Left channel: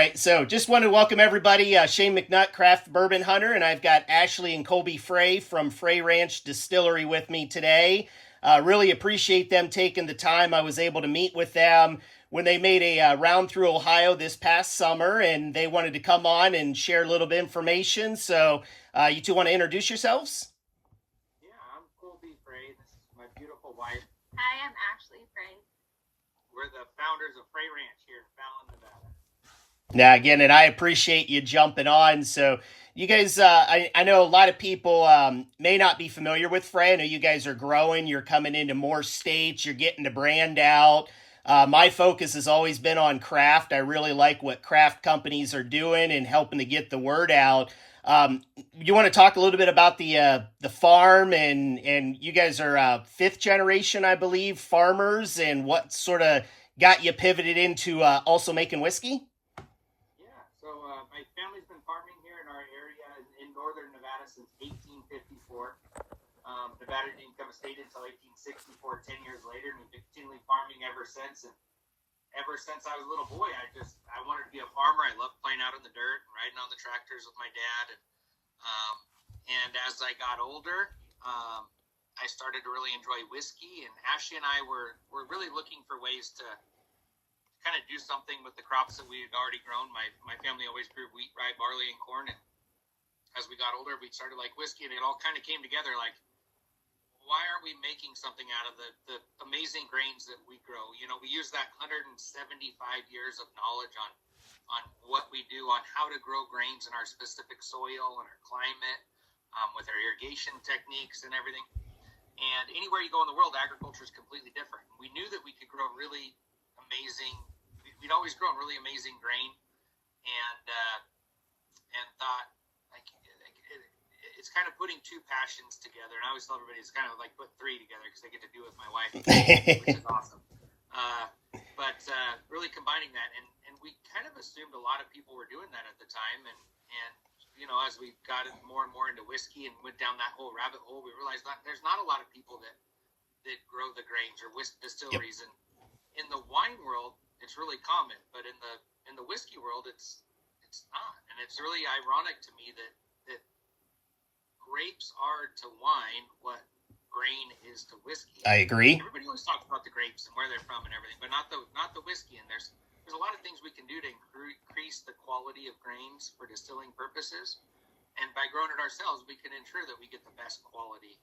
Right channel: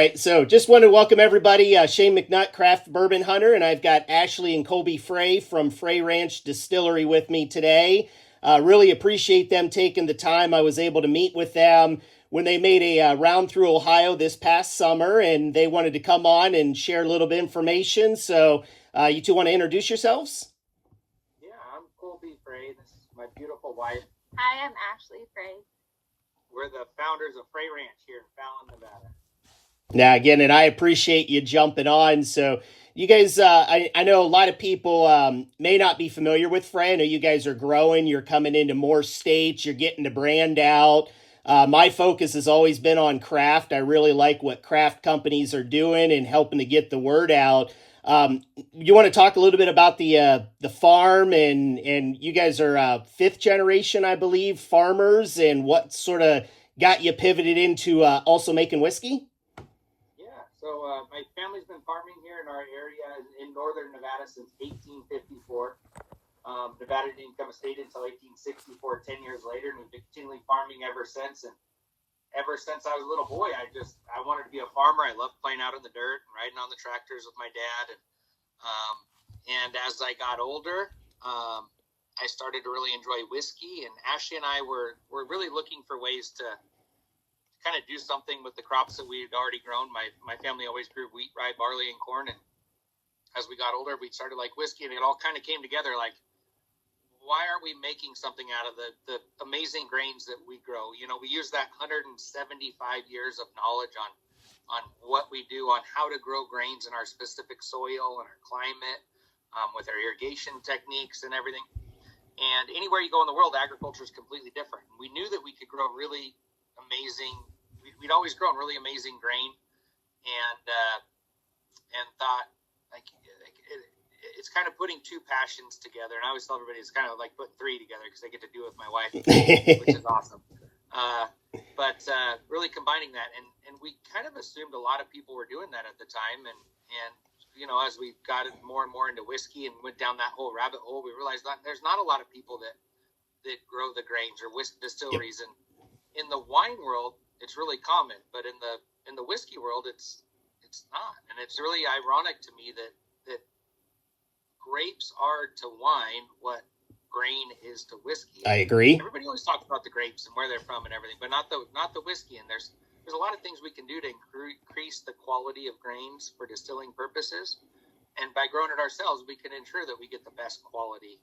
right, so just want to welcome everybody. Shane McNutt, craft bourbon hunter, and I've got Ashley and Colby Frey from Frey Ranch Distillery with me today. Really appreciate them taking the time. I was able to meet with them when they made a round through Ohio this past summer, and they wanted to come on and share a little bit of information. So, you two want to introduce yourselves? Yeah, I'm Colby Frey. This is my beautiful wife. Hi, I'm Ashley Frey. We're the founders of Frey Ranch here in Fallon, Nevada. Now, again, and I appreciate you jumping on. So, you guys, I know a lot of people may not be familiar with Frey. I know you guys are growing. You're coming into more states. You're getting the brand out. My focus has always been on craft. I really like what craft companies are doing and helping to get the word out. You want to talk a little bit about the farm and you guys are fifth generation, I believe, farmers, and what sort of got you pivoted into also making whiskey? Yeah, so my family's been farming here in our area in northern Nevada since 1854. Nevada didn't become a state until 1864, 10 years later, and we've been continually farming ever since. And ever since I was a little boy, I wanted to be a farmer. I loved playing out in the dirt and riding on the tractors with my dad. And as I got older, I started to really enjoy whiskey. And Ashley and I were really looking for ways to kind of do something with the crops that we had already grown. My family always grew wheat, rye, barley, and corn. And as we got older, we started like whiskey, and it all kind of came together like, why aren't we making something out of the amazing grains that we grow? You know, we use that 175 years of knowledge on what we do, on how to grow grains in our specific soil and our climate, with our irrigation techniques and everything. And anywhere you go in the world, agriculture is completely different. We knew that we could grow really amazing. We'd always grown really amazing grain, and thought like it's kind of putting two passions together. And I always tell everybody it's kind of like putting three together because I get to do it with my wife, which is awesome. But really combining that, and we kind of assumed a lot of people were doing that at the time, and you know, as we got more and more into whiskey and went down that whole rabbit hole, we realized that there's not a lot of people that grow the grains or distilleries. Yep. And in the wine world, it's really common, but in the whiskey world, it's not. And it's really ironic to me that grapes are to wine what grain is to whiskey. I agree. Everybody always talks about the grapes and where they're from and everything, but not the whiskey. And there's a lot of things we can do to increase the quality of grains for distilling purposes. And by growing it ourselves, we can ensure that we get the best quality.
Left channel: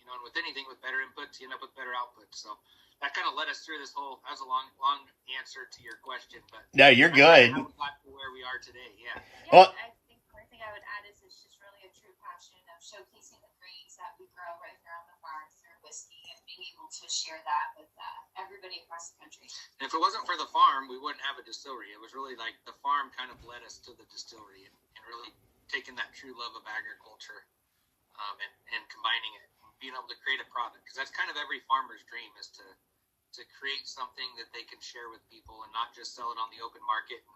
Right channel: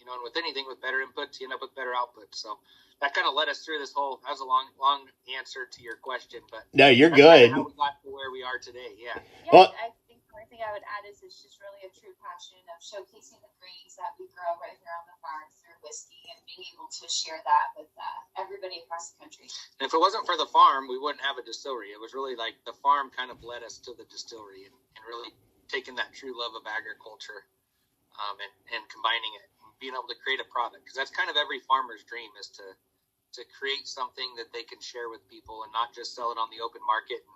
You know, and with anything, with better inputs, you end up with better outputs. So that kind of led us through this whole. That was a long answer to your question, but no, you're good. How we got to where we are today, yeah. Well, I think the only thing I would add is it's just really a true passion of showcasing the grains that we grow right here on the farm through whiskey and being able to share that with everybody across the country. And if it wasn't for the farm, we wouldn't have a distillery. It was really like the farm kind of led us to the distillery and really taking that true love of agriculture, and combining it and being able to create a product, because that's kind of every farmer's dream, is to create something that they can share with people and not just sell it on the open market and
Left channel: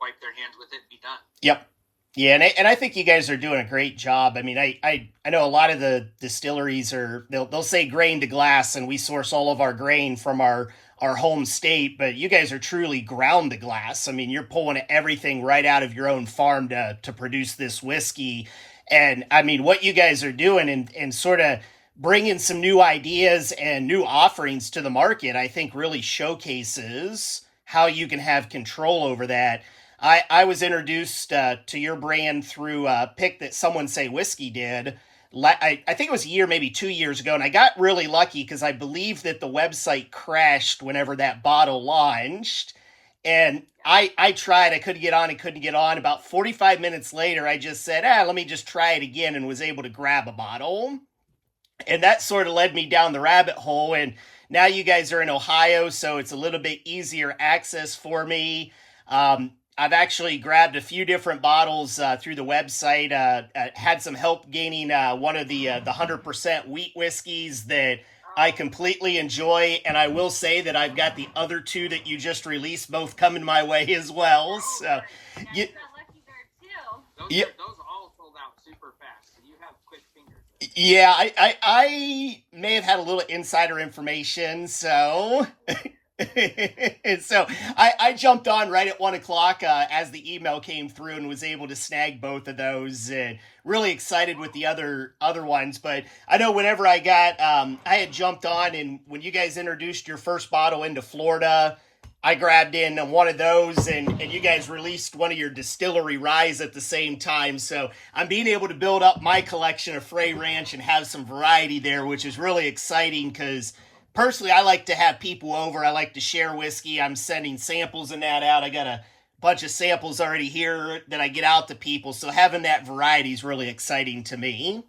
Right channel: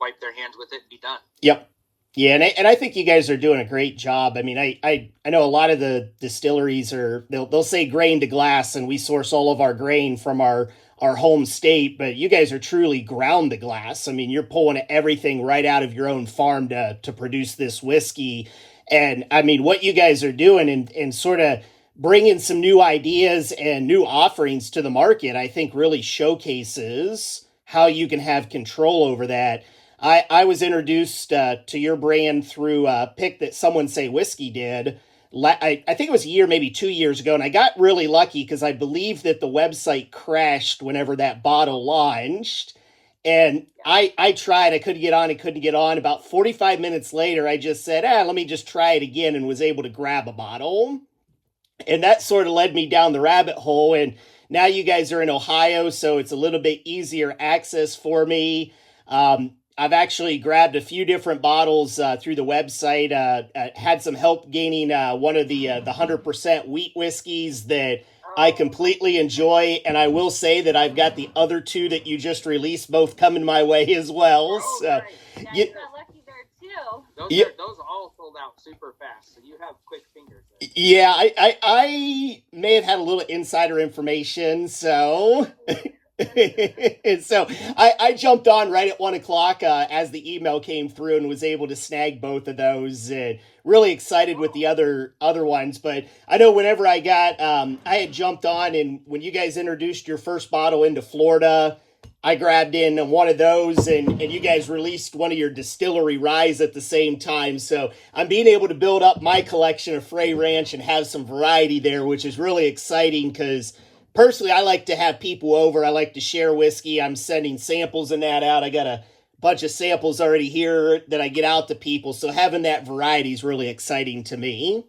wipe their hands with it and be done. Yep. Yeah, and I think you guys are doing a great job. I mean, I know a lot of the distilleries they'll say grain to glass, and we source all of our grain from our home state, but you guys are truly ground to glass. I mean, you're pulling everything right out of your own farm to produce this whiskey. And I mean, what you guys are doing and sort of bringing some new ideas and new offerings to the market, I think really showcases how you can have control over that. I was introduced to your brand through a pick that Someone Say Whiskey did. I think it was a year, maybe 2 years ago, and I got really lucky because I believe that the website crashed whenever that bottle launched. And I tried, I couldn't get on. About 45 minutes later, I just said, let me just try it again, and was able to grab a bottle. And that sort of led me down the rabbit hole. And now you guys are in Ohio, so it's a little bit easier access for me. I've actually grabbed a few different bottles through the website. Had some help gaining one of the 100% wheat whiskeys that I completely enjoy. And I will say that I've got the other two that you just released both coming my way as well. Oh, so, nice. You got lucky there too. Those all sold out super fast, so you have quick fingers there. Yeah, I may have had a little insider information, so So I jumped on right at 1 o'clock as the email came through and was able to snag both of those. And really excited with the other ones. But I know whenever I had jumped on, and when you guys introduced your first bottle into Florida, I grabbed in one of those, and you guys released one of your distillery ryes at the same time. So I'm being able to build up my collection of Frey Ranch and have some variety there, which is really exciting because personally, I like to have people over. I like to share whiskey. I'm sending samples and that out. I got a bunch of samples already here that I get out to people. So having that variety is really exciting to me.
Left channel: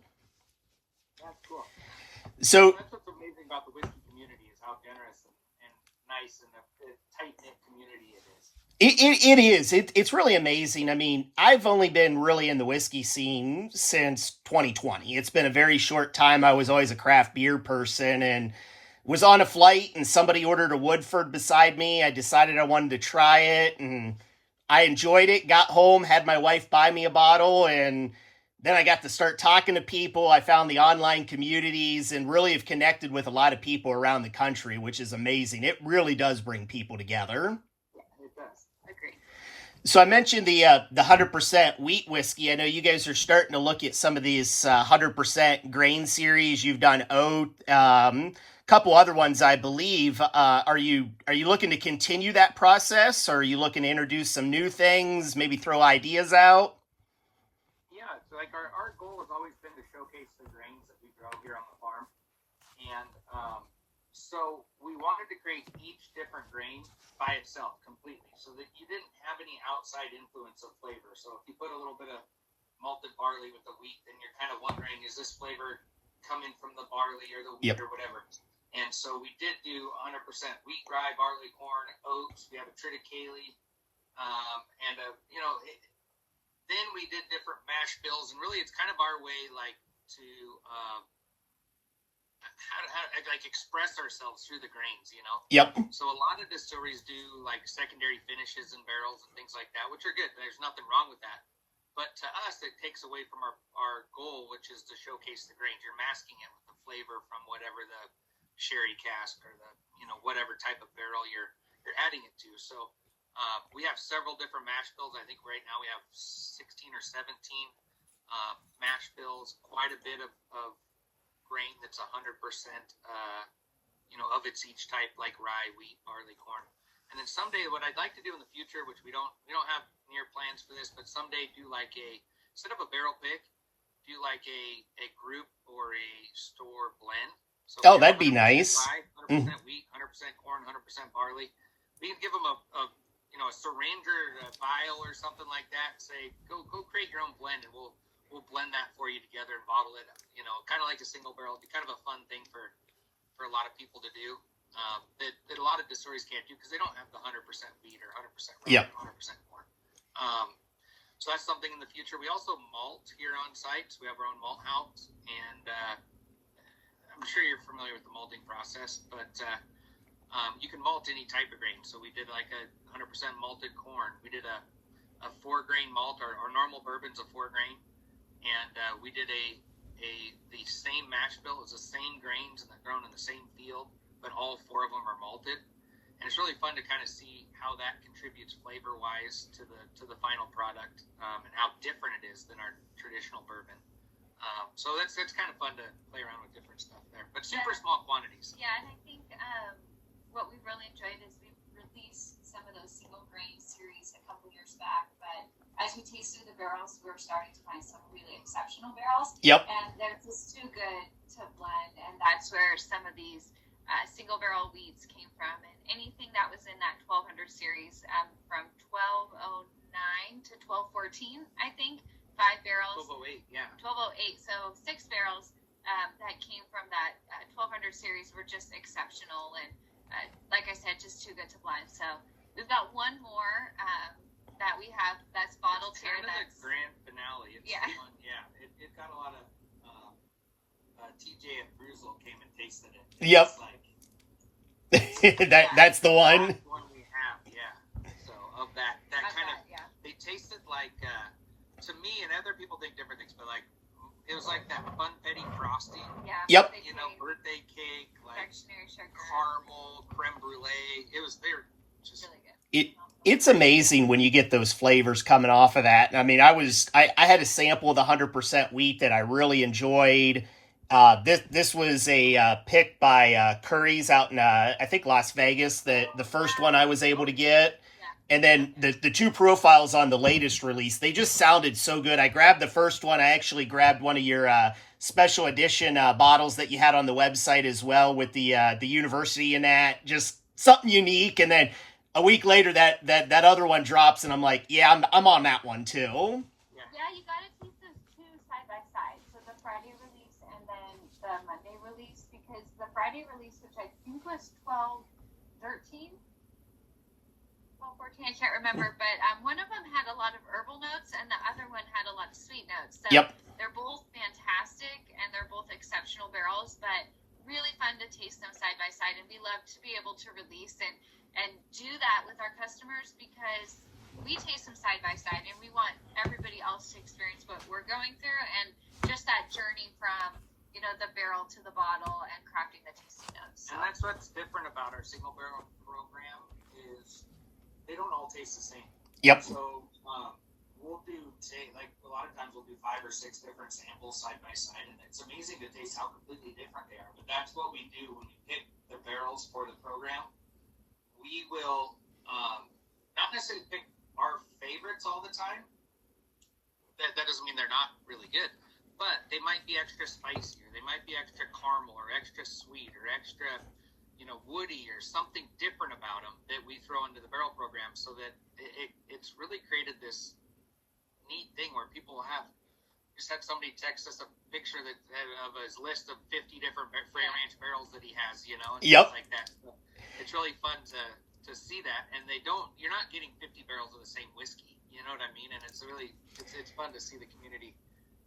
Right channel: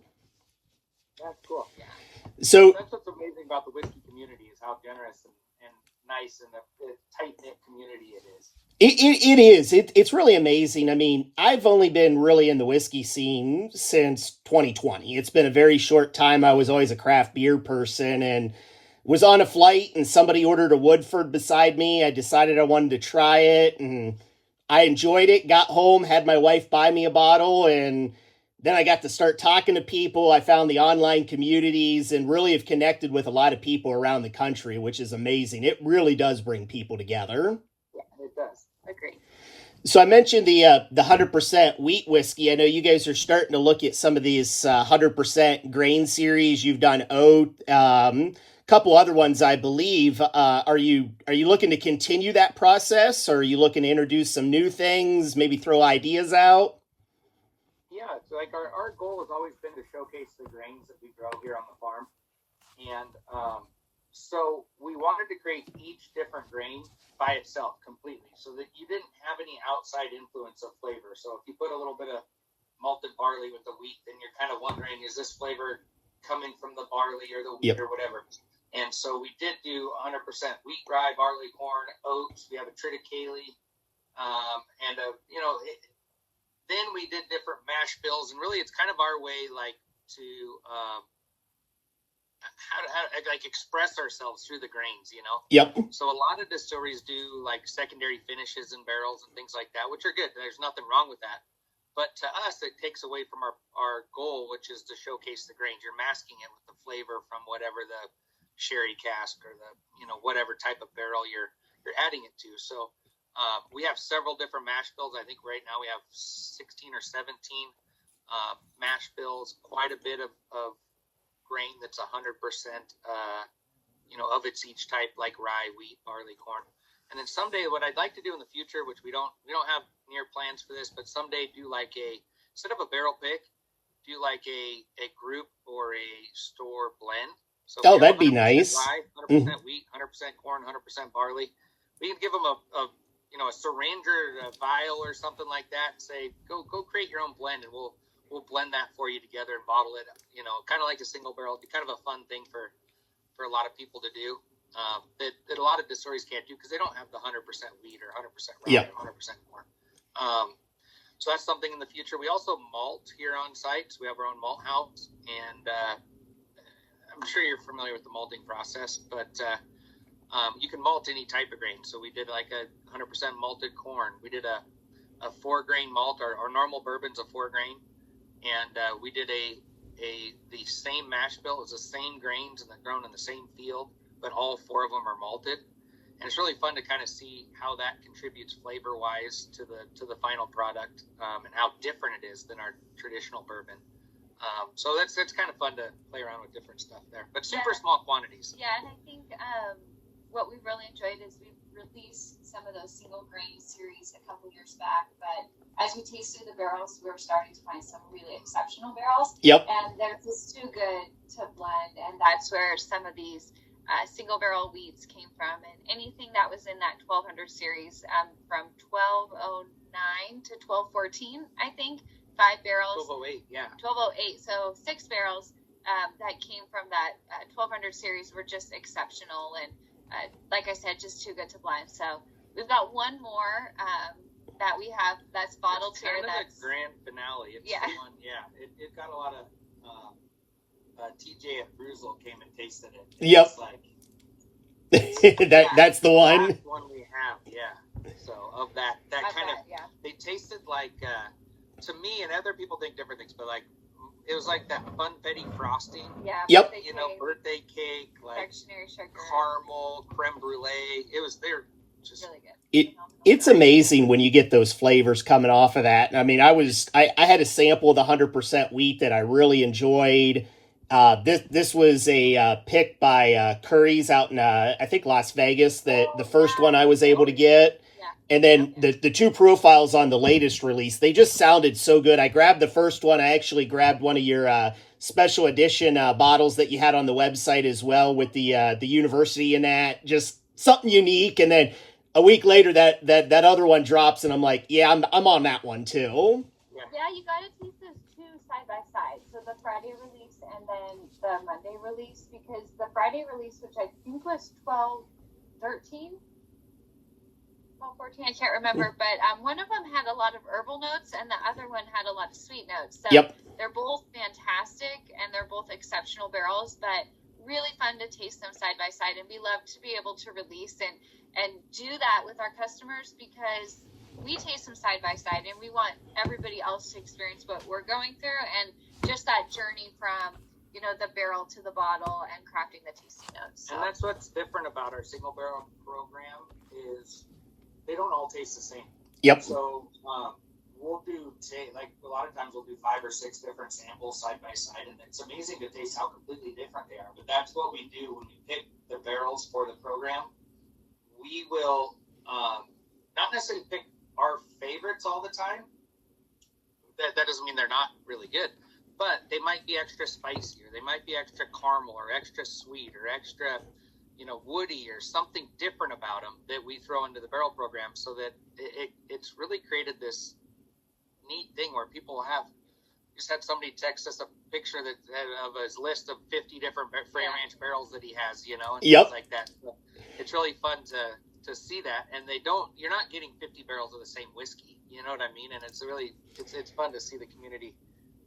That's cool. So that's what's amazing about the whiskey community is how generous and nice and the tight knit community it is. it is. It's really amazing. I mean, I've only been really in the whiskey scene since 2020. It's been a very short time. I was always a craft beer person and was on a flight and somebody ordered a Woodford beside me. I decided I wanted to try it and I enjoyed it. Got home, had my wife buy me a bottle, and then I got to start talking to people. I found the online communities and really have connected with a lot of people around the country, which is amazing. It really does bring people together. Yeah, it does. Agreed. So I mentioned the 100% wheat whiskey. I know you guys are starting to look at some of these 100% grain series. You've done oat, couple other ones, I believe. Are you looking to continue that process, or are you looking to introduce some new things, maybe throw ideas out? Yeah, so like our goal has always been to showcase the grains that we grow here on the farm, and so we wanted to create each different grain by itself completely, so that you didn't have any outside influence of flavor. So if you put a little bit of malted barley with the wheat, then you're kind of wondering, is this flavor coming from the barley or the wheat or whatever? And so we did do 100% wheat, rye, barley, corn, oats. We have a triticale, and then we did different mash bills, and really it's kind of our way, like, to how like express ourselves through the grains, you know. Yep. So a lot of distilleries do like secondary finishes in barrels and things like that, which are good. There's nothing wrong with that. But to us, it takes away from our goal, which is to showcase the grains. You're masking it with the flavor from whatever the sherry cask or the whatever type of barrel you're adding it to. So we have several different mash bills. I think right now we have 16 or 17 mash bills. Quite a bit of grain that's 100% of its each type, like rye, wheat, barley, corn. And then someday, what I'd like to do in the future, which we don't have near plans for this, but someday do like instead of a barrel pick, do like a group or a store blend. So that'd be nice. Rye, 100% wheat, 100% corn, 100% barley. We can give them a syringe or a vial or something like that, and say, go create your own blend, and we'll blend that for you together and bottle it. Kind of like a single barrel. It'd be kind of a fun thing for a lot of people to do. That a lot of distilleries can't do because they don't have the 100% wheat or 100% rye or 100% corn. So that's something in the future. We also malt here on site. So we have our own malt house, and I'm sure you're familiar with the malting process, but you can malt any type of grain. So we did like a 100% malted corn. We did a 4-grain malt. Our normal bourbon's a 4-grain, and we did the same mash bill. It was the same grains and they're grown in the same field, but all 4 of them are malted. And it's really fun to kind of see how that contributes flavor-wise to the final product, and how different it is than our traditional bourbon. So that's kind of fun to play around with different stuff there, but super small quantities. Yeah, and I think what we've really enjoyed is we've released some of those single grain series a couple years back, but as we tasted the barrels, we were starting to find some really exceptional barrels. Yep. And they're just too good to blend, and that's where some of these single barrel wheats came from, and anything that was in that 1200 series, from 1209 to 1214, I think, 5 barrels. 1208, yeah. 1208, so 6 barrels that came from that 1200 series were just exceptional, and like I said, just too good to blend. So we've got one more that we have that's bottled it's here. That's the grand finale. It's the one, it got a lot of TJ at Bruzel came and tasted it. Yep. It's like, that's the one. That's one we have, yeah. So of that kind of, they tasted like, to me, and other people think different things, but like, it was like that funfetti frosting. Yeah. Yep. Birthday cake, like confectionery sugar, caramel, creme brulee. They're just really good. It's amazing when you get those flavors coming off of that. I mean, I had a sample of the 100% wheat that I really enjoyed. This was a pick by Curry's out in I think Las Vegas. The first one I was able to get, and then the two profiles on the latest release, they just sounded so good. I grabbed the first one. I actually grabbed one of your special edition bottles that you had on the website as well with the university in that, just something unique. And then a week later, that other one drops, and I'm like, yeah, I'm on that one too. Yeah, you got to keep those two side by side. So the Friday release and then the Monday release, because the Friday release, which I think was 12/13, 12/14, I can't remember, but one of them had a lot of herbal notes, and the other one had a lot of sweet notes. So Yep. They're both fantastic, and they're both exceptional barrels, but really fun to taste them side by side, and we love to be able to release and do that with our customers, because we taste them side by side, and we want everybody else to experience what we're going through, and just that journey from the barrel to the bottle and crafting the tasting notes. So. And that's what's different about our single barrel program is they don't all taste the same. Yep. So we'll do like a lot of times we'll do 5 or 6 different samples side by side, and it's amazing to taste how completely different they are. But that's what we do when we pick the barrels for the program. We will not necessarily pick our favorites all the time. That doesn't mean they're not really good, but they might be extra spicy, or they might be extra caramel, or extra sweet, or extra, woody, or something different about them that we throw into the barrel program, so that it's really created this neat thing where people just had somebody text us a picture of his list of 50 different Frey Ranch barrels that he has, and yep. things like that. So it's really fun to see that, and you're not getting 50 barrels of the same whiskey, you know what I mean? And it's fun to see the community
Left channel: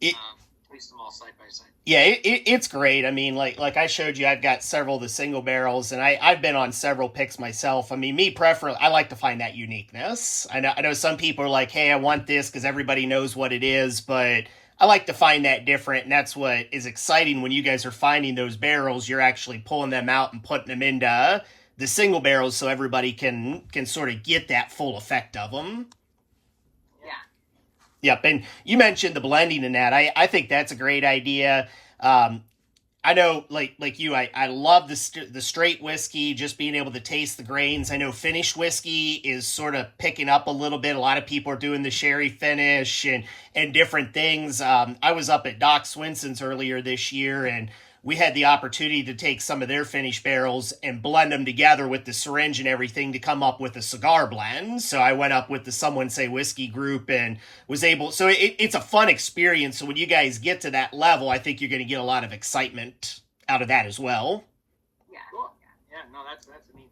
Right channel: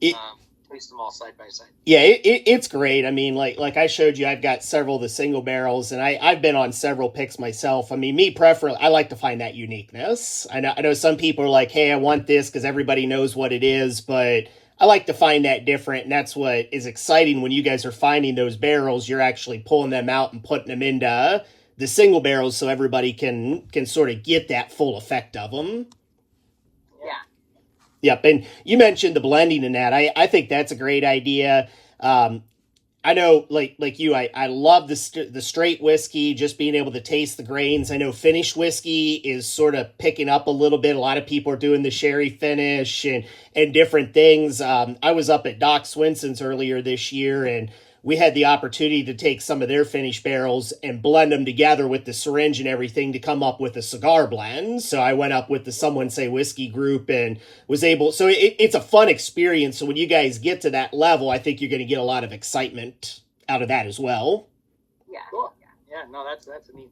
taste them all side by side. Yeah, it's great. I mean, like I showed you, I've got several of the single barrels, and I've been on several picks myself. I mean, me preferably, I like to find that uniqueness. I know some people are like, hey, I want this because everybody knows what it is, but I like to find that different, and that's what is exciting when you guys are finding those barrels. You're actually pulling them out and putting them into the single barrels so everybody can sort of get that full effect of them. Yep, and you mentioned the blending in that. I think that's a great idea. I know, like you, I love the straight whiskey, just being able to taste the grains. I know finished whiskey is sort of picking up a little bit. A lot of people are doing the sherry finish and different things. I was up at Doc Swinson's earlier this year, and we had the opportunity to take some of their finished barrels and blend them together with the syringe and everything to come up with a cigar blend. So I went up with the Someone Say Whiskey group and was able, so it's a fun experience. So when you guys get to that level, I think you're going to get a lot of excitement out of that as well. Yeah. Cool. Yeah, no, that's a neat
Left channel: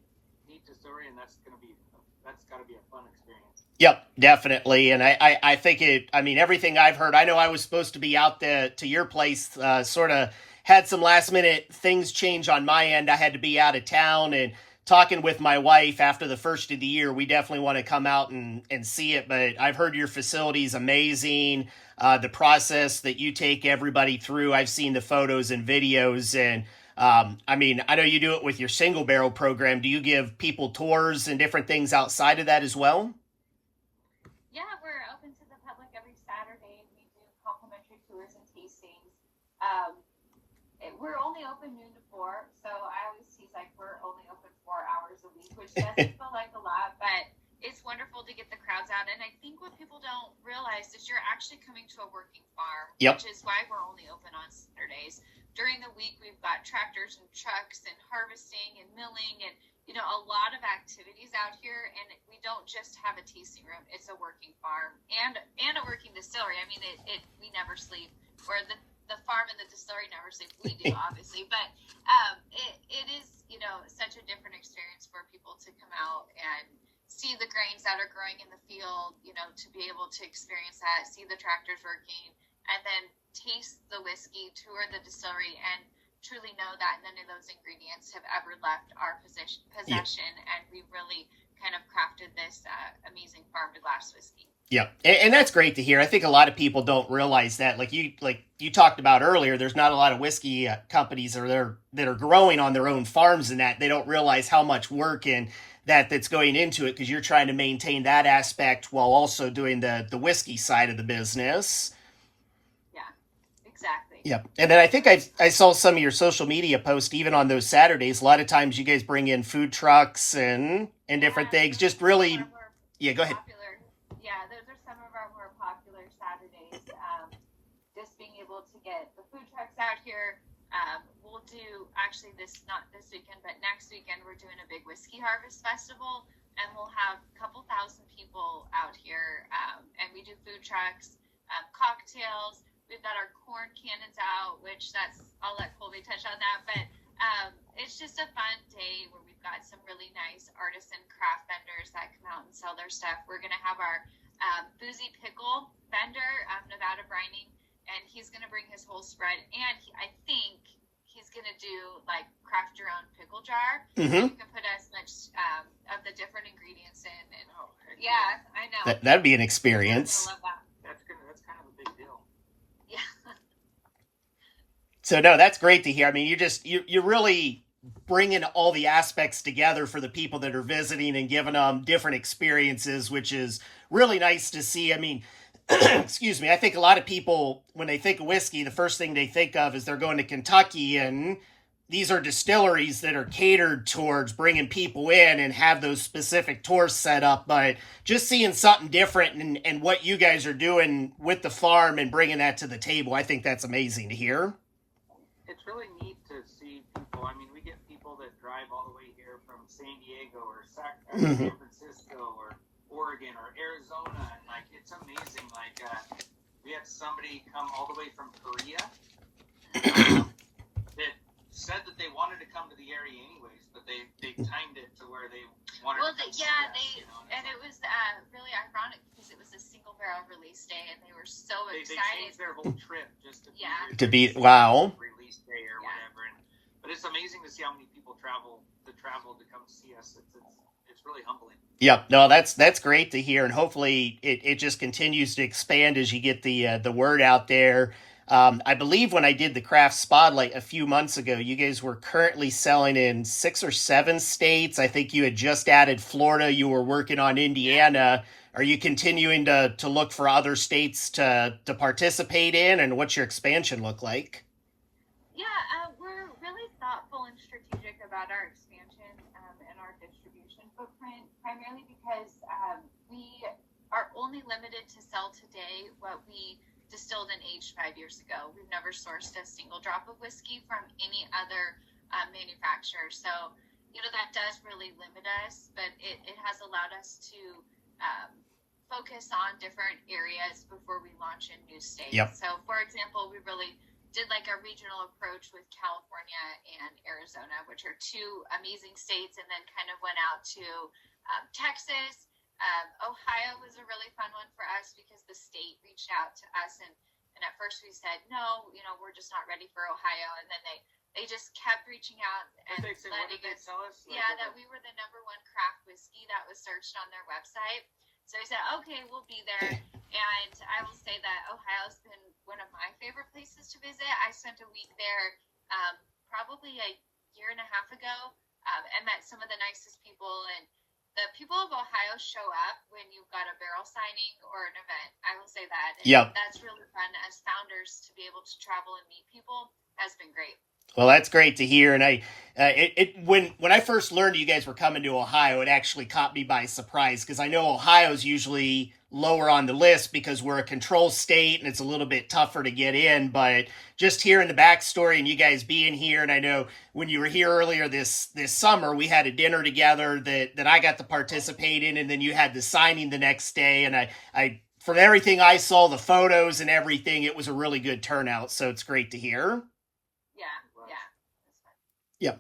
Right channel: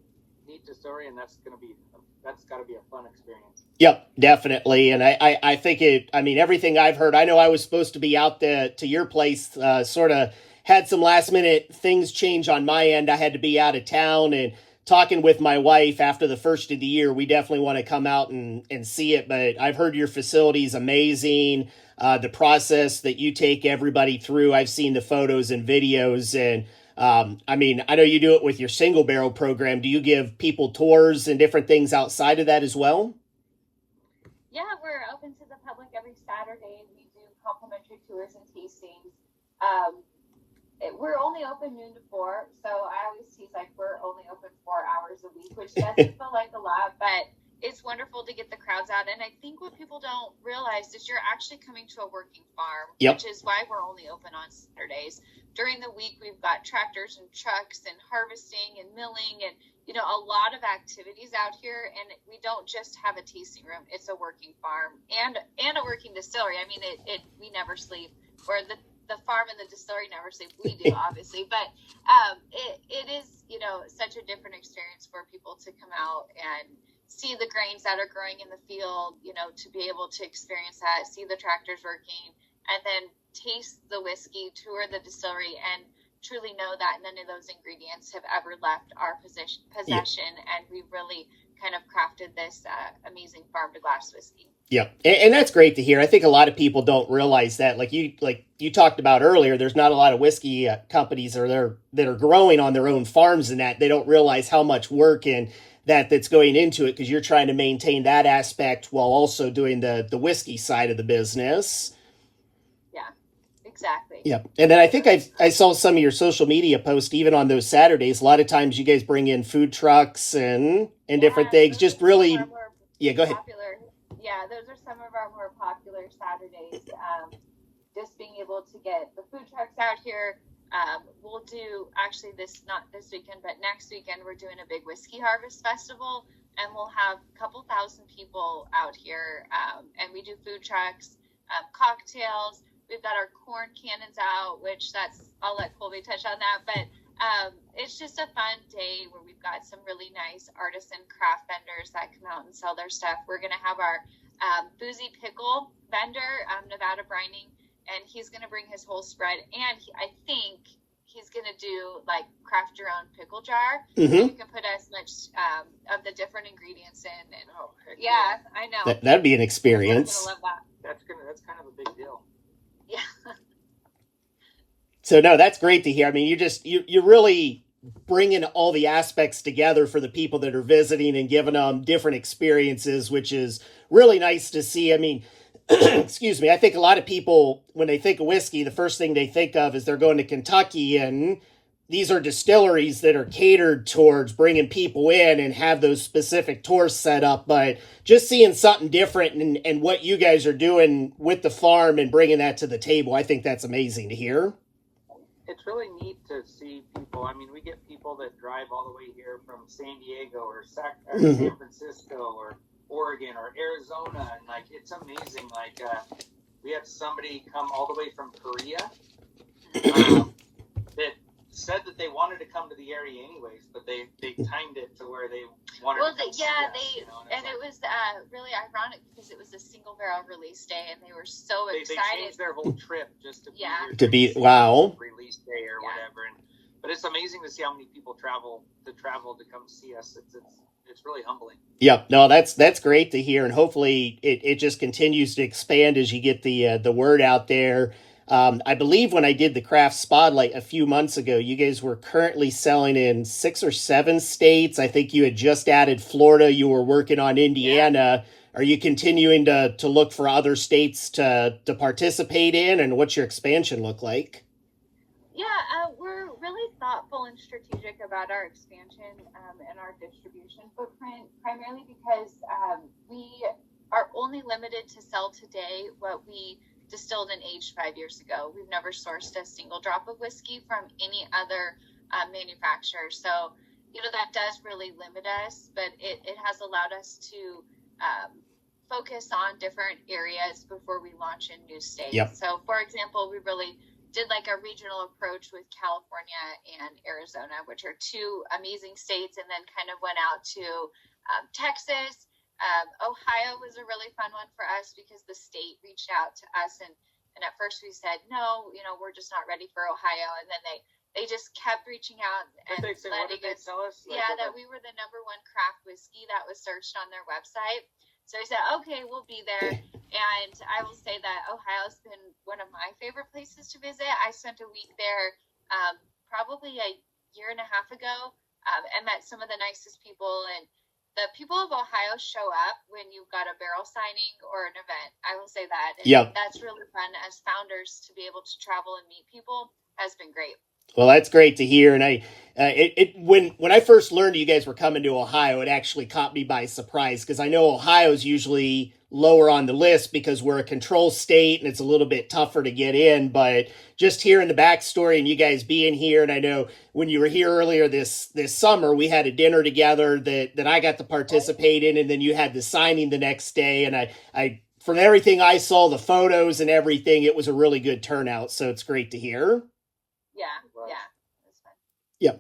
story, and that's got to be a fun experience. Yep, definitely. And I think everything I've heard, I know I was supposed to be out there to your place, sort of had some last minute things change on my end. I had to be out of town, and talking with my wife after the first of the year, we definitely want to come out and see it. But I've heard your facility is amazing. The process that you take everybody through, I've seen the photos and videos, and I know you do it with your single barrel program. Do you give people tours and different things outside of that as well? Yeah, we're open to the public every Saturday. We do complimentary tours and tastings. We're only open noon to 4, so I always tease like we're only open 4 hours a week, which doesn't feel like a lot, but it's wonderful to get the crowds out. And I think what people don't realize is you're actually coming to a working farm, yep. which is why we're only open on Saturdays. During the week, we've got tractors and trucks and harvesting and milling and a lot of activities out here, and we don't just have a tasting room. It's a working farm and a working distillery. I mean, we never sleep, or the farm and the distillery never sleep. We do, obviously, but it is, such a different experience for people to come out and see the grains that are growing in the field, to be able to experience that, see the tractors working, and then taste the whiskey, tour the distillery, and truly know that none of those ingredients have ever left our possession, and we really kind of crafted this amazing farm to glass whiskey. Yeah, and that's great to hear. I think a lot of people don't realize that. Like you talked about earlier, there's not a lot of whiskey companies that are growing on their own farms, and that they don't realize how much work and that's going into it, because you're trying to maintain that aspect while also doing the whiskey side of the business. Yeah, exactly. Yeah, and then I think I saw some of your social media posts even on those Saturdays. A lot of times you guys bring in food trucks and different things. Just really, yeah. Go ahead. Popular. Yeah, those are some of our more popular Saturdays. Just being able to get the food trucks out here. We'll do, actually not this weekend, but next weekend, we're doing a big whiskey harvest festival, and we'll have a couple thousand people out here. And we do food trucks, cocktails. We've got our corn cannons out, which I'll let Colby touch on that. But it's just a fun day where we've got some really nice artisan craft vendors that come out and sell their stuff. We're going to have our boozy pickle vendor, Nevada Brining, and he's going to bring his whole spread. And I think he's going to do like craft your own pickle jar. Mm-hmm. You can put as much of the different ingredients in. And yeah, I know. That'd be an experience. I'm gonna love that. That's kind of a big deal. Yeah. So no, that's great to hear. I mean, you're really bringing all the aspects together for the people that are visiting and giving them different experiences, which is really nice to see. I mean, excuse me, I think a lot of people, when they think of whiskey, the first thing they think of is they're going to Kentucky, and these are distilleries that are catered towards bringing people in and have those specific tours set up. But just seeing something different and what you guys are doing with the farm and bringing that to the table, I think that's amazing to hear. It's really neat to see people. I mean, we get people that drive all the way here from San Diego or San Francisco or Oregon or Arizona, and like it's amazing. Like we had somebody come all the way from Korea that said that they wanted to come to the area anyways, but they timed it to where they wanted to come see us, and it was really ironic because it was a single barrel release day, and they were so excited. They changed their whole trip just to be here wow release day or whatever. But it's amazing to see how many people travel to come see us. It's really humbling. Yeah, no, that's great to hear, and hopefully it just continues to expand as you get the word out there. I believe when I did the craft spotlight a few months ago, you guys were currently selling in 6 or 7 states. I think you had just added Florida. You were working on Indiana. Are you continuing to look for other states to participate in, and what's your expansion look like? Yeah, we're really thoughtful and strategic about our expansion and our distribution footprint, primarily because we are only limited to sell today what we distilled and aged 5 years ago. We've never sourced a single drop of whiskey from any other manufacturer. So, that does really limit us, but it has allowed us to focus on different areas before we launch in new states. Yep. So, for example, we really did like a regional approach with California and Arizona, which are 2 amazing states, and then kind of went out to Texas. Ohio was a really fun one for us because the state reached out to us, and at first we said, no, we're just not ready for Ohio. And then they just kept reaching out and letting us, that we were the #1 craft whiskey that was searched on their website. So I said, okay, we'll be there. And I will say that Ohio's been one of my favorite places to visit. I spent a week there probably a year and a half ago and met some of the nicest people. And the people of Ohio show up when you've got a barrel signing or an event. I will say that. And that's really fun as founders to be able to travel and meet people has been great. Well, that's great to hear. And when I first learned you guys were coming to Ohio, it actually caught me by surprise, because I know Ohio's usually lower on the list because we're a control state and it's a little bit tougher to get in. But just hearing the backstory and you guys being here, and I know when you were here earlier this summer, we had a dinner together that I got to participate in, and then you had the signing the next day. And I from everything I saw, the photos and everything, it was a really good turnout. So it's great to hear. Yeah.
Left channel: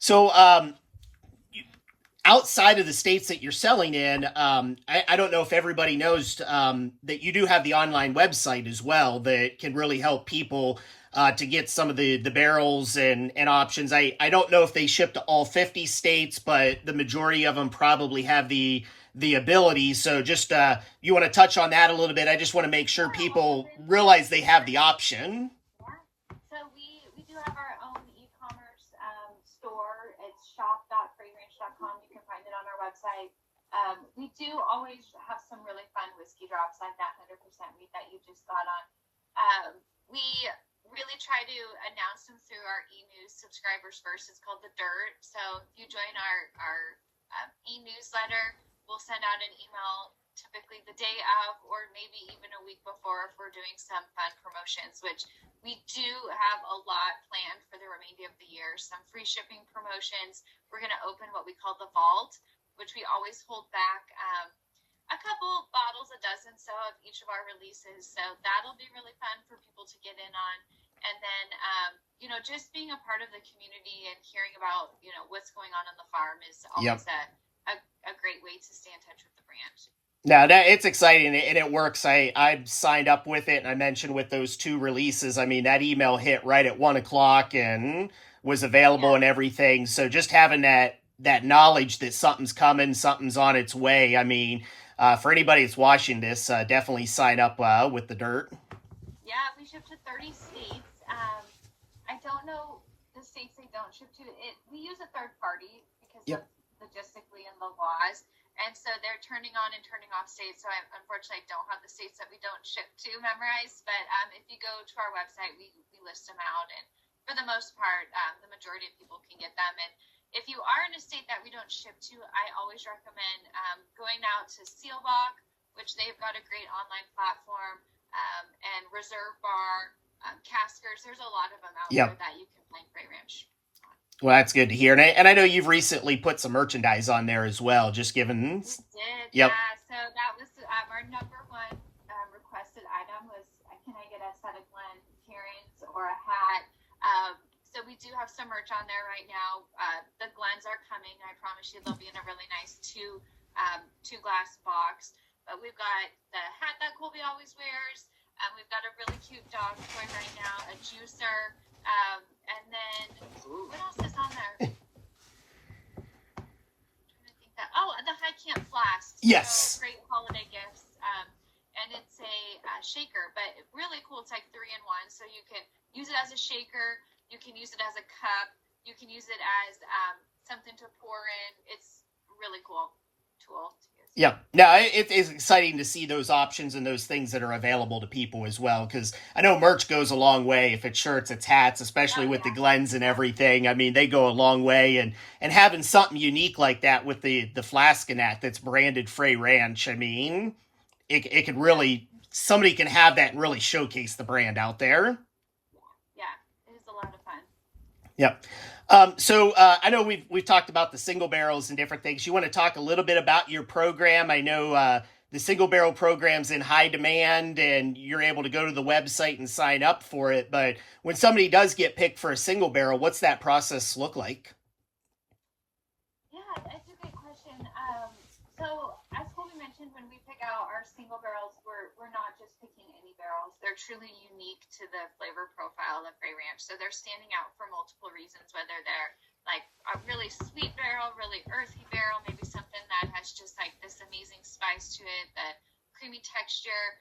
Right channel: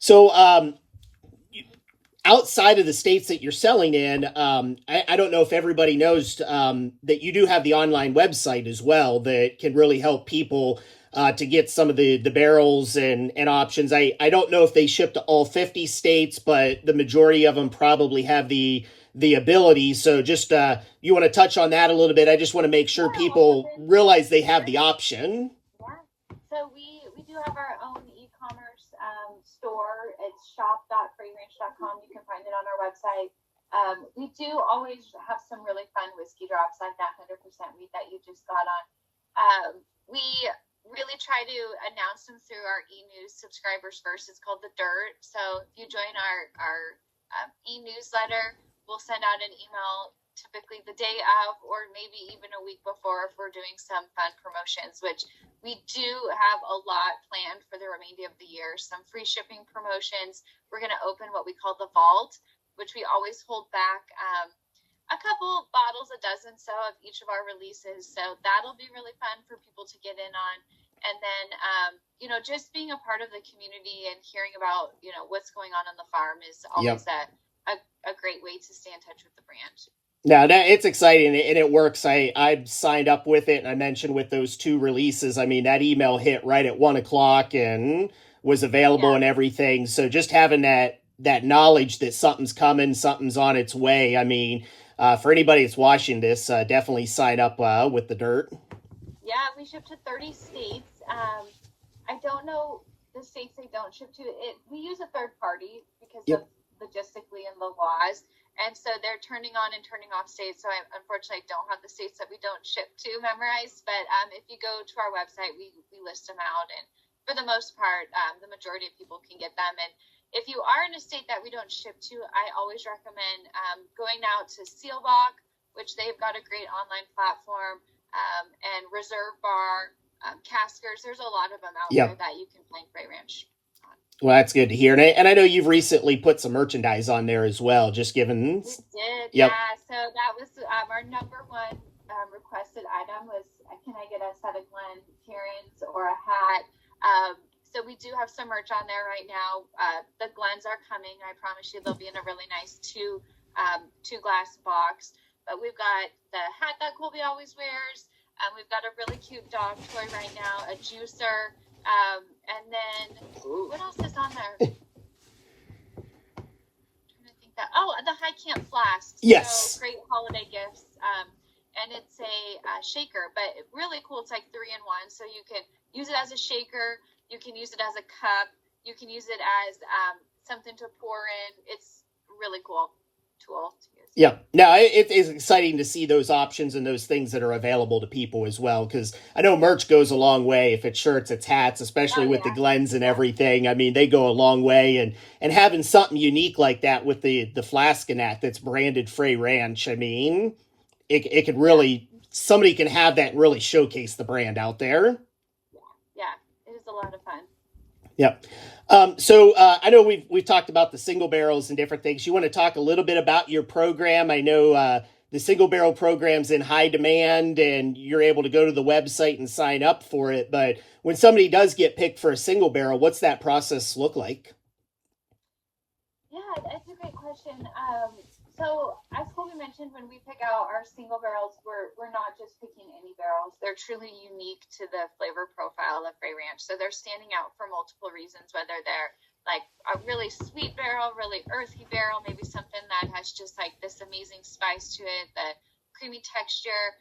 So, outside of the states that you're selling in, I don't know if everybody knows that you do have the online website as well that can really help people to get some of the barrels and options. I don't know if they ship to all 50 states, but the majority of them probably have the ability. So just you want to touch on that a little bit. I just want to make sure people realize they have the option. Yeah. So we do have our own e-commerce store. It's shop.freyranch.com. You can find it on our website. We do always have some really fun whiskey drops like that 100% wheat that you just got on. We really try to announce them through our e-news subscribers first. It's called The Dirt. So if you join our e-newsletter, we'll send out an email typically the day of or maybe even a week before if we're doing some fun promotions, which we do have a lot planned for the remainder of the year. Some free shipping promotions. We're going to open what we call the Vault, which we always hold back a couple bottles, a dozen so of each of our releases. So that'll be really fun for people to get in on. And then, just being a part of the community and hearing about, what's going on the farm is always a great way to stay in touch with the brand. No, it's exciting and it works. I signed up with it, and I mentioned with those 2 releases, I mean, that email hit right at 1:00 and was available and everything. So just having that knowledge that something's coming, something's on its way. I mean, for anybody that's watching this, definitely sign up with The Dirt. Yeah, we ship to 30 states. I don't know the states they don't ship to. We use a third party because of logistically and the laws. And so they're turning on and turning off states. So I unfortunately don't have the states that we don't ship to memorized. But if you go to our website, we list them out. And for the most part, the majority of people can get them. And if you are in a state that we don't ship to, I always recommend going out to Sealbach, which they've got a great online platform, and Reserve Bar, Caskers. There's a lot of them out there that you can find Frey Ranch. Well, that's good to hear. And I know you've recently put some merchandise on there as well, just given. We did, yeah. So that was our number one requested item was, can I get a set of Glen Kieran's or a hat? So we do have some merch on there right now. The Glens are coming. I promise you they'll be in a really nice two glass box. But we've got the hat that Colby always wears. We've got a really cute dog toy right now, a juicer. And then what else is on there? The High Camp Flask. Yes. So great holiday gifts. And it's a shaker, but really cool. It's like 3-in-1. So you can use it as a shaker. You can use it as a cup. You can use it as something to pour in. It's a really cool tool to use. Yeah. Now, it is exciting to see those options and those things that are available to people as well, because I know merch goes a long way. If it's shirts, it's hats, especially with the Glens and everything. I mean, they go a long way. And having something unique like that with the flask and that's branded Frey Ranch, I mean, it could really, somebody can have that and really showcase the brand out there. Yeah, it is a lot of fun. Yep. So I know we've talked about the single barrels and different things. You want to talk a little bit about your program? I know the single barrel program's in high demand, and you're able to go to the website and sign up for it. But when somebody does get picked for a single barrel, what's that process look like? Yeah, that's a great question. So as Colby mentioned, when we pick out our single barrels, we're not just picking any barrels. They're truly unique to the flavor profile of Frey Ranch. So they're standing out for multiple reasons, whether they're like a really sweet barrel, really earthy barrel, maybe something that has just like this amazing spice to it, the creamy texture.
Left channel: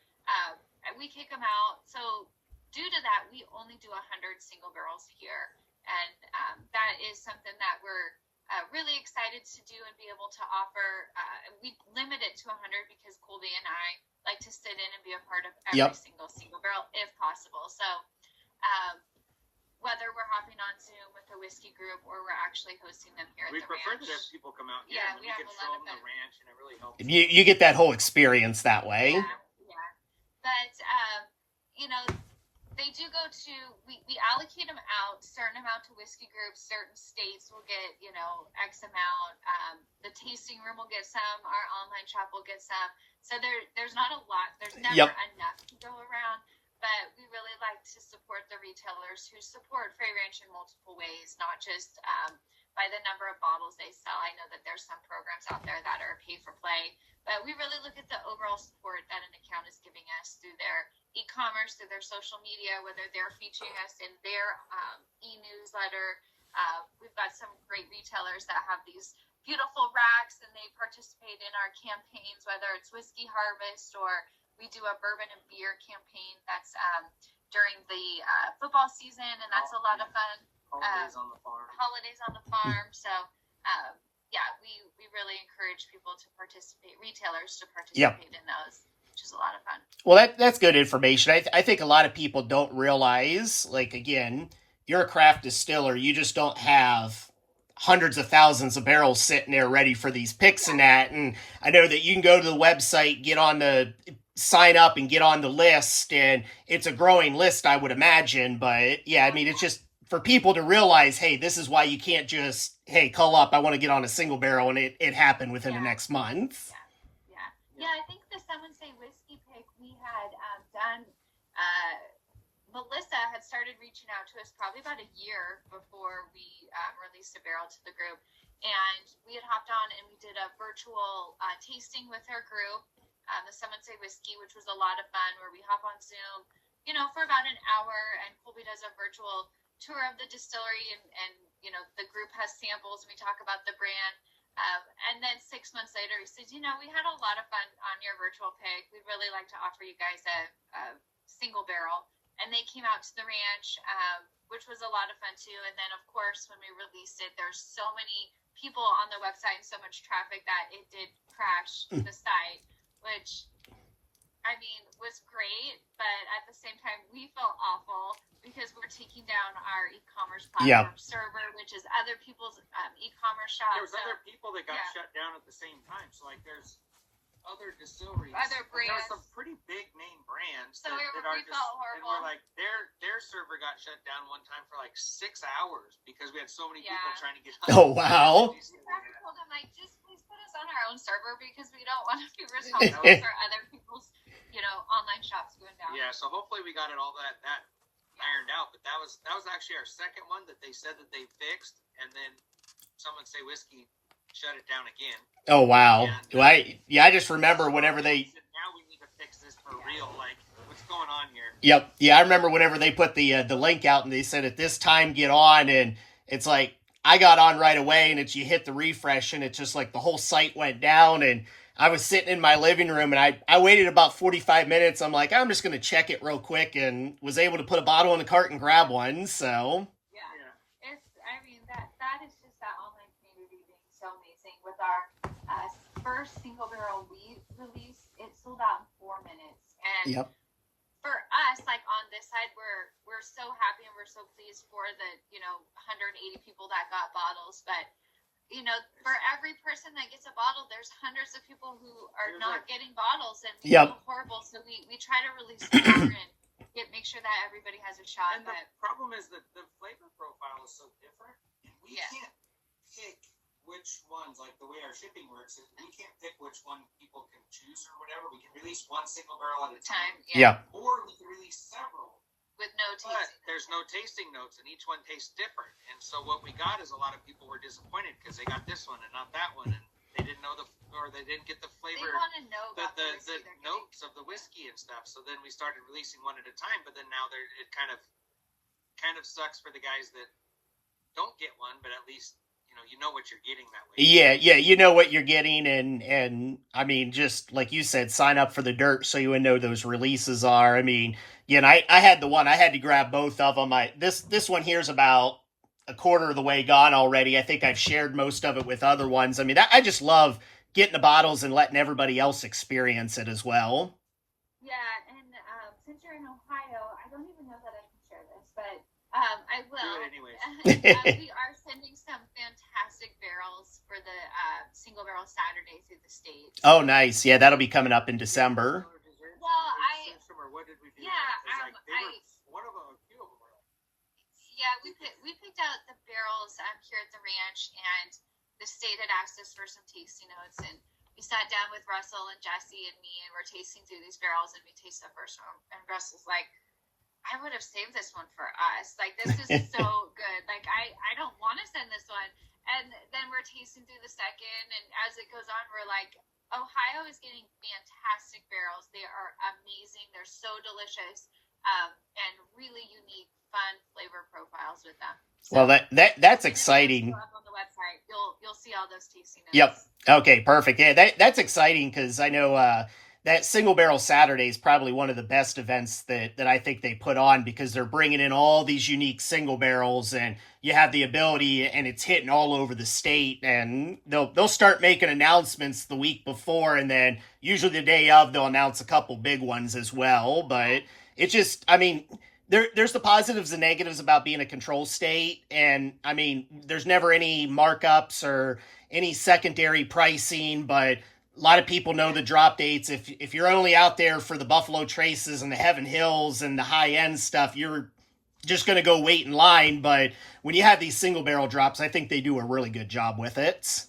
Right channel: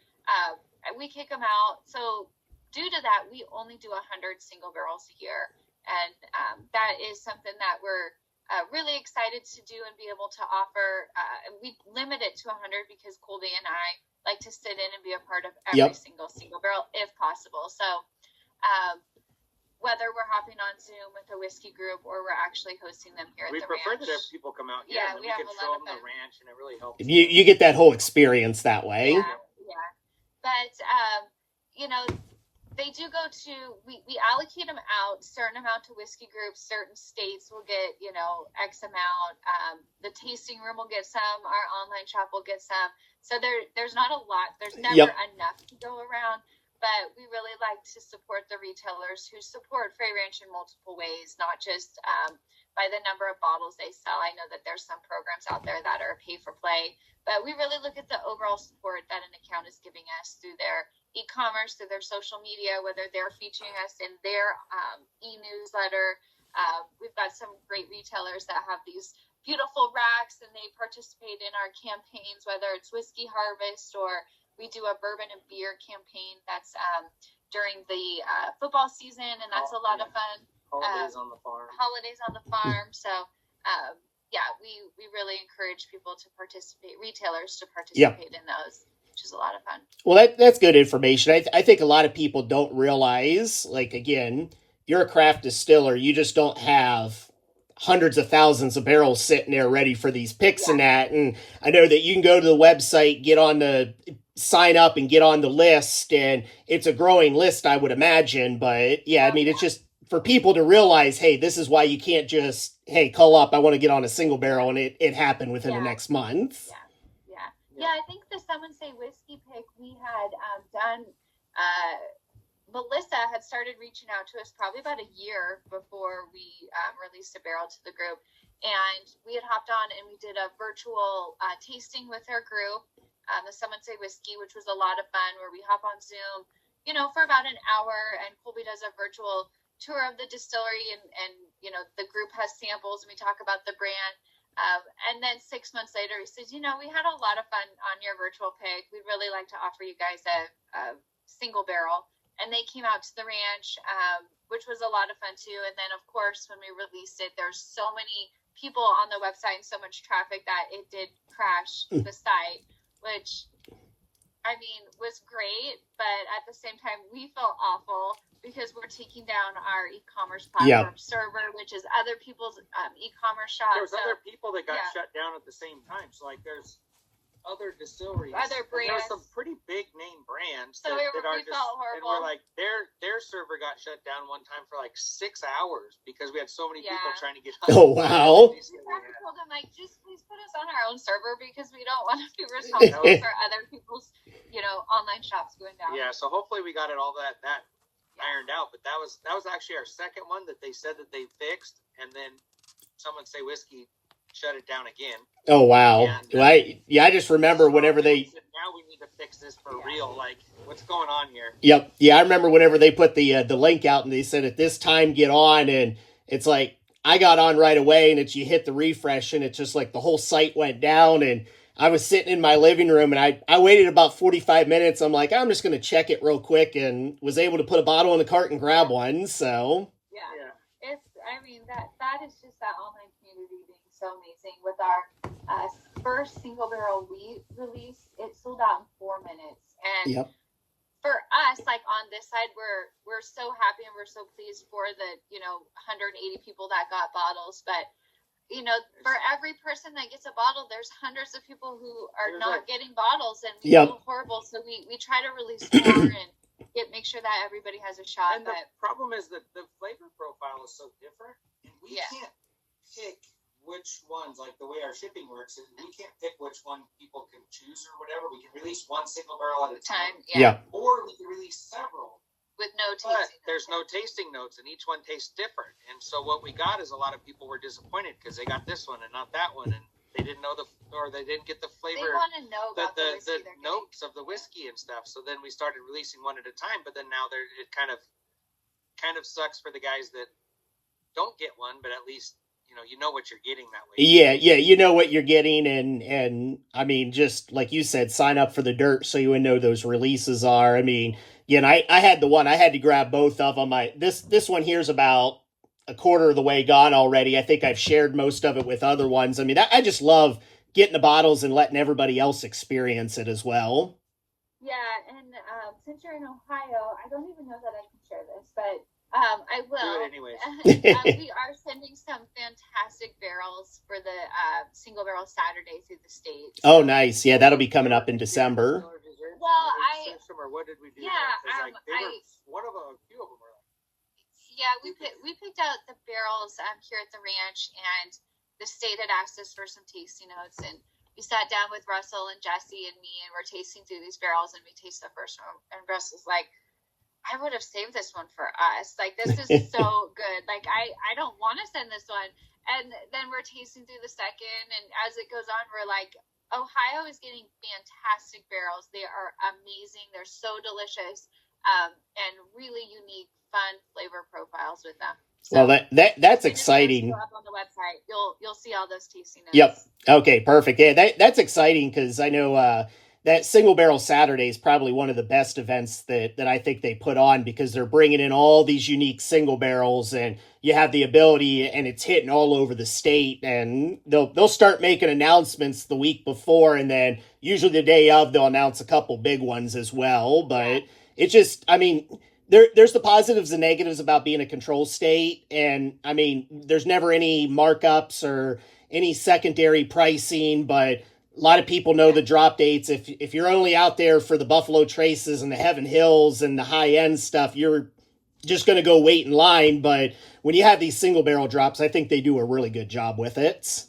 We kick them out. So due to that, we only do 100 single barrels a year. And that is something that we're really excited to do and be able to offer. We limit it to 100 because Colby and I like to sit in and be a part of every single barrel if possible. So whether we're hopping on Zoom with a whiskey group or we're actually hosting them here at the ranch. We prefer that people come out here and we have a lot of fun. The ranch, and it really helps. You get that whole experience that way. Yeah. But, they do go to, we allocate them out, certain amount to whiskey groups, certain states will get, X amount. The tasting room will get some, our online shop will get some. So there's not a lot, there's never enough to go around, but we really like to support the retailers who support Frey Ranch in multiple ways, not just by the number of bottles they sell. I know that there's some programs out there that are pay for play, but we really look at the overall support that an account is giving us through their e-commerce, through their social media, whether they're featuring us in their e-newsletter. We've got some great retailers that have these beautiful racks, and they participate in our campaigns, whether it's Whiskey Harvest or we do a bourbon and beer campaign that's during the football season, and that's a lot of fun. Holidays on the farm. Holidays on the farm. So, we really encourage people to participate, retailers to participate in those, which is a lot of fun. Well, that's good information. I think a lot of people don't realize, like, again, you're a craft distiller. You just don't have hundreds of thousands of barrels sitting there ready for these picks and that. And I know that you can go to the website, sign up and get on the list, and it's a growing list, I would imagine. But I mean, it's just for people to realize, hey, this is why you can't just, hey, call up, I want to get on a single barrel, and it happened within the next month. Yeah, I think the Someone Say Whiskey pick we had done, Melissa had started reaching out to us probably about a year before we released a barrel to the group. And we had hopped on and we did a virtual tasting with her group, the Someone Say Whiskey, which was a lot of fun, where we hop on Zoom, for about an hour, and Colby does a virtual tour of the distillery, and the group has samples, and we talk about the brand. And then 6 months later, he says, we had a lot of fun on your virtual pick. We'd really like to offer you guys a single barrel. And they came out to the ranch, which was a lot of fun too. And then, of course, when we released it, there's so many people on the website and so much traffic that it did crash the site, which, I mean, was great. But at the same time, we felt awful because we're taking down our e-commerce platform server, which is other people's e-commerce shops. There was other people that got shut down at the same time. So, like, there's other distilleries, other brands. There's some pretty big name brands so that we are felt horrible. And we're like, their server got shut down one time for like 6 hours because we had so many people trying to get on. Oh, wow. We told them, like, just please put us on our own server because we don't want to be responsible for other people's, online shops going down. Yeah, so hopefully we got it all that ironed out. But that was actually our second one that they said that they fixed, and then Someone Say Whiskey shut it down again. Oh, wow. And, I just remember whenever they... Now we need to fix this for real. Like, what's going on here? Yep. Yeah, I remember whenever they put the link out and they said at this time get on, and it's like I got on right away, and you hit the refresh, and it's just like the whole site went down, and I was sitting in my living room, and I waited about 45 minutes. I'm like, I'm just going to check it real quick, and was able to put a bottle in the cart and grab one. So it's, I mean, that is just that online community being so amazing. With our first single barrel wheat release, it sold out in 4 minutes, and for us, like on this side, we're so happy and we're so pleased for the 180 people that got bottles. But for every person that gets a bottle, there's hundreds of people who are not getting bottles, and we feel horrible. So we try to release more and make sure that everybody has a shot. And the problem is that the flavor profile is so different. We can't pick which ones, like the way our shipping works, we can't pick which one people can choose or whatever. We can release one single barrel at a time. Or we can release several. With no tasting notes. There's no tasting notes, and each one tastes different. And so what we got is a lot of people were disappointed because they got this one and not that one, and they didn't know they didn't get the flavor. They want to know about the notes of the whiskey and stuff. So then we started releasing one at a time, but then now it kind of sucks for the guys that don't get one, but at least you know what you're getting that way. Yeah, you know what you're getting, and I mean, just like you said, sign up for the dirt so you know those releases are. I mean, and I had the one, I had to grab both of them. This one here's about a quarter of the way gone already. I think I've shared most of it with other ones. I mean, I just love getting the bottles and letting everybody else experience it as well. Yeah, and since you're in Ohio, I don't even know that I can share this, but I will. Do it anyways. We are sending some fantastic barrels for the single barrel Saturday through the state. Oh, nice. Yeah, that'll be coming up in December. Well, what did we do? Yeah, one of them, a few of them were. Yeah, we picked out the barrels here at the ranch, and the state had asked us for some tasting notes, and we sat down with Russell and Jesse and me, and we're tasting through these barrels, and we taste the first one, and Russell's like, I would have saved this one for us. Like, this is so good. Like, I don't want to send this one. And then we're tasting through the second, and as it goes on, we're like, Ohio is getting fantastic barrels. They are amazing. They're so delicious, and really unique, fun flavor profiles with them. So, Well, that's when the videos go exciting. up on the website, you'll see all those tasting Yep. notes. Okay, perfect. Yeah, that's exciting because I know that Single Barrel Saturday is probably one of the best events that I think they put on because they're bringing in all these unique single barrels and you have the ability and it's hitting all over the state and they'll start making announcements the week before and then usually the day of they'll announce a couple big ones as well. But it's just, I mean, there's the positives and negatives about being a control state, and I mean, there's never any markups or any secondary pricing, but a lot of people know the drop dates. If you're only out there for the Buffalo Traces and the Heaven Hills and the high end stuff, you're just going to go wait in line. But when you have these single barrel drops, I think they do a really good job with it.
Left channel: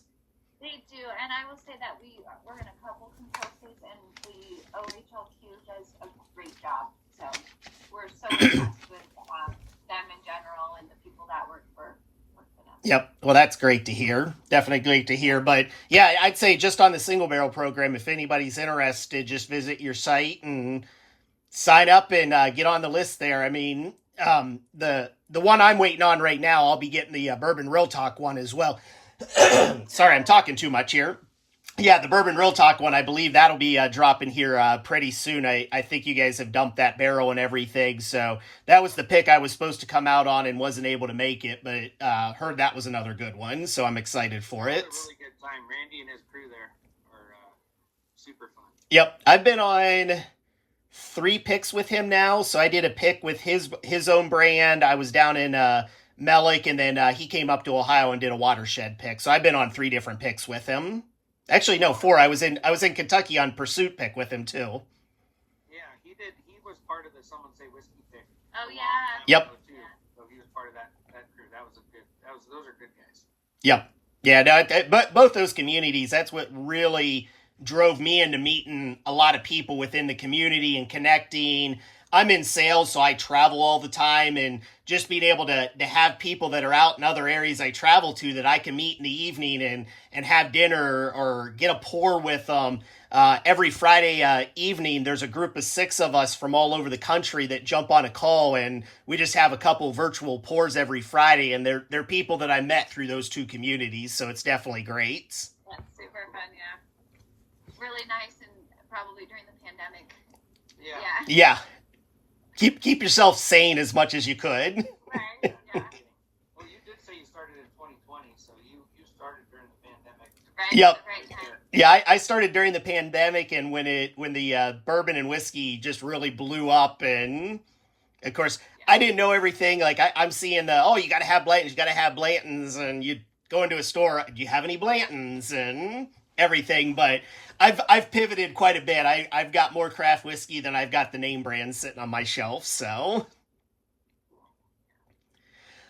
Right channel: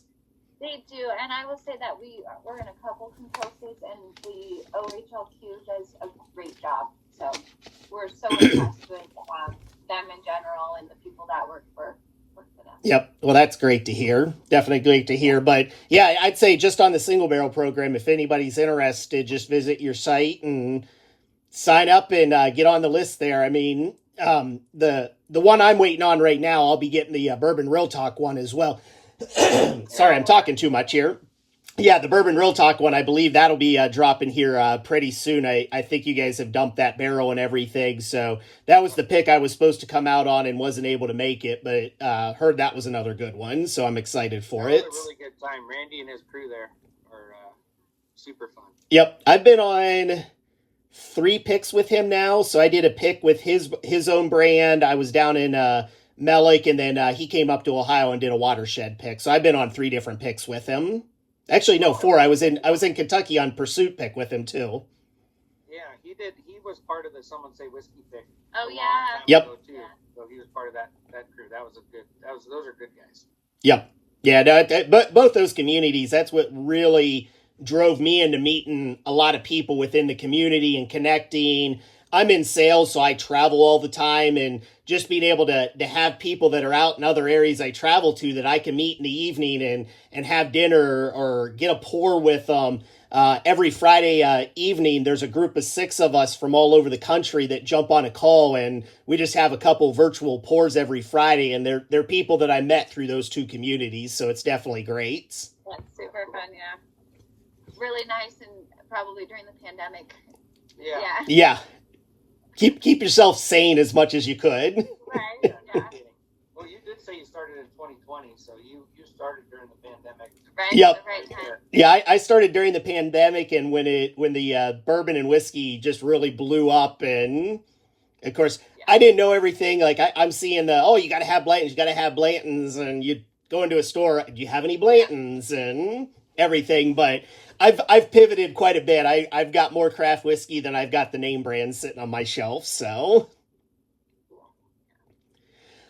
They do, and I will say that we're in a couple control states, and the OHLQ does a great job. So we're so impressed with them in general and the people that work for them. Yep. Well, that's great to hear. Definitely great to hear. But yeah, I'd say just on the single barrel program, if anybody's interested, just visit your site and sign up and get on the list there. I mean, the one I'm waiting on right now, I'll be getting the Bourbon Real Talk one as well. Sorry, I'm talking too much here. Yeah, the Bourbon Real Talk one, I believe that'll be dropping here pretty soon. I think you guys have dumped that barrel and everything. So that was the pick I was supposed to come out on and wasn't able to make it, but heard that was another good one. So I'm excited for it. It was a really good time. Randy and his crew there are super fun. Yep, I've been on 3 picks with him now. So I did a pick with his own brand. I was down in Melick, and then he came up to Ohio and did a watershed pick. So I've been on 3 different picks with him. Actually, no, 4. I was in Kentucky on Pursuit pick with him too. Yeah, he did. He was part of the Someone Say Whiskey pick. Oh yeah. Yep. Too. So he was part of that crew. That was a good. Those are good guys. Yep. Yeah. No, but both those communities. That's what really drove me into meeting a lot of people within the community and connecting. I'm in sales, so I travel all the time, and just being able to have people that are out in other areas I travel to that I can meet in the evening and have dinner or get a pour with them. Every Friday evening, there's a group of 6 of us from all over the country that jump on a call, and we just have a couple virtual pours every Friday, and they're people that I met through those 2 communities, so it's definitely great. That's super fun, yeah. Really nice, and probably during the pandemic. Yeah. Yeah. Keep yourself sane as much as you could. Right. Yeah. Well, you did say you started in 2020, so you started during the pandemic. Right. Yep. Right time. Yeah, I started during the pandemic, and when the bourbon and whiskey just really blew up, and of course I didn't know everything. Like I'm seeing you got to have Blantons, and you go into a store, do you have any Blantons and everything, but I've pivoted quite a bit. I've got more craft whiskey than I've got the name brands sitting on my shelf. So,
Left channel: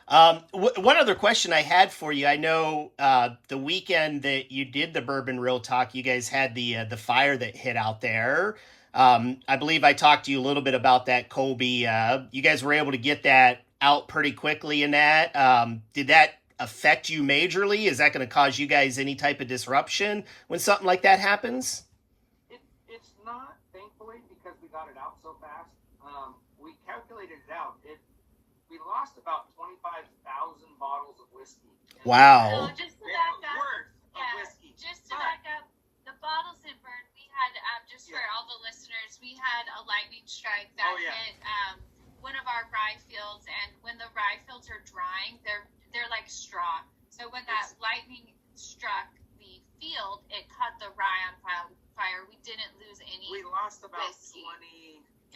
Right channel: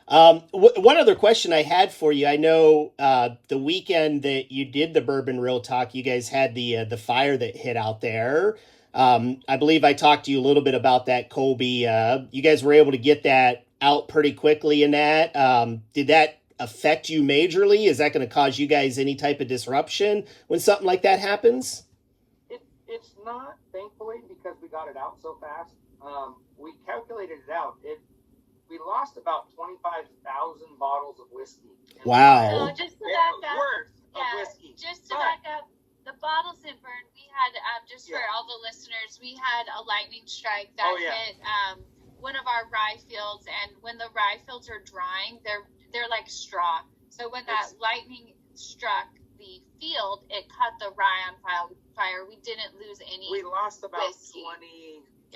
one other question I had for you. I know the weekend that you did the Bourbon Real Talk, you guys had the fire that hit out there. I believe I talked to you a little bit about that, Colby. You guys were able to get that out pretty quickly in that. Did that affect you majorly? Is that going to cause you guys any type of disruption when something like that happens? It's not, thankfully, because we got it out so fast. We calculated it out. We lost about 25,000 bottles of whiskey. Wow. So just to back up, worth of whiskey. Just to back up, the bottles didn't burn. We had for all the listeners, we had a lightning strike that hit one of our rye fields, and when the rye fields are drying, they're like straw. So when that lightning struck the field, it caught the rye on fire. We didn't lose any. We lost about whiskey.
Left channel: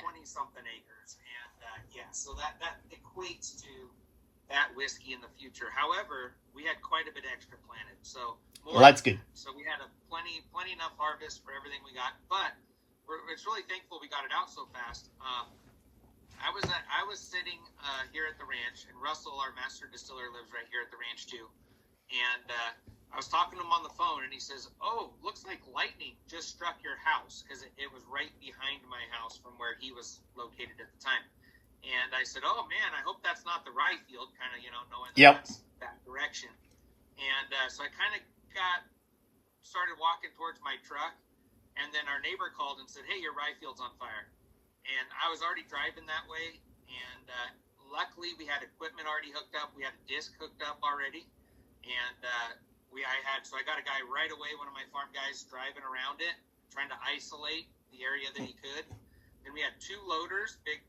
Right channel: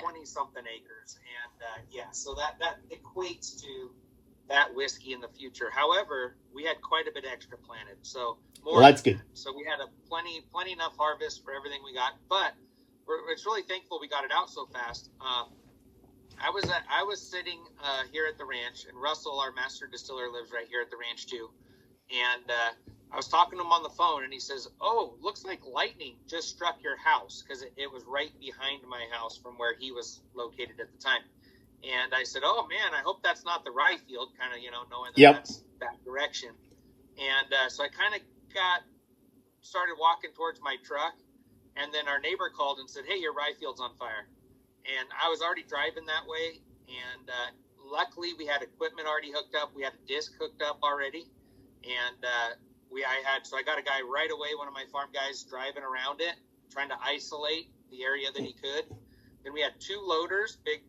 20 something acres, and so that equates to that whiskey in the future. However, we had quite a bit extra planted, so that's good. So we had a plenty enough harvest for everything we got, but it's really thankful we got it out so fast. I was sitting here at the ranch, and Russell, our master distiller, lives right here at the ranch too. And I was talking to him on the phone, and he says, "Oh, looks like lightning just struck your house," because it was right behind my house from where he was located at the time. And I said, "Oh man, I hope that's not the rye field," kind of knowing that that's that direction. And so I kind of started walking towards my truck, And then our neighbor called and said, "Hey, your rye field's on fire." And I was already driving that way, and luckily we had equipment already hooked up. We had a disc hooked up already, and so I got a guy right away, one of my farm guys, driving around it, trying to isolate the area that he could. Then we had two loaders, big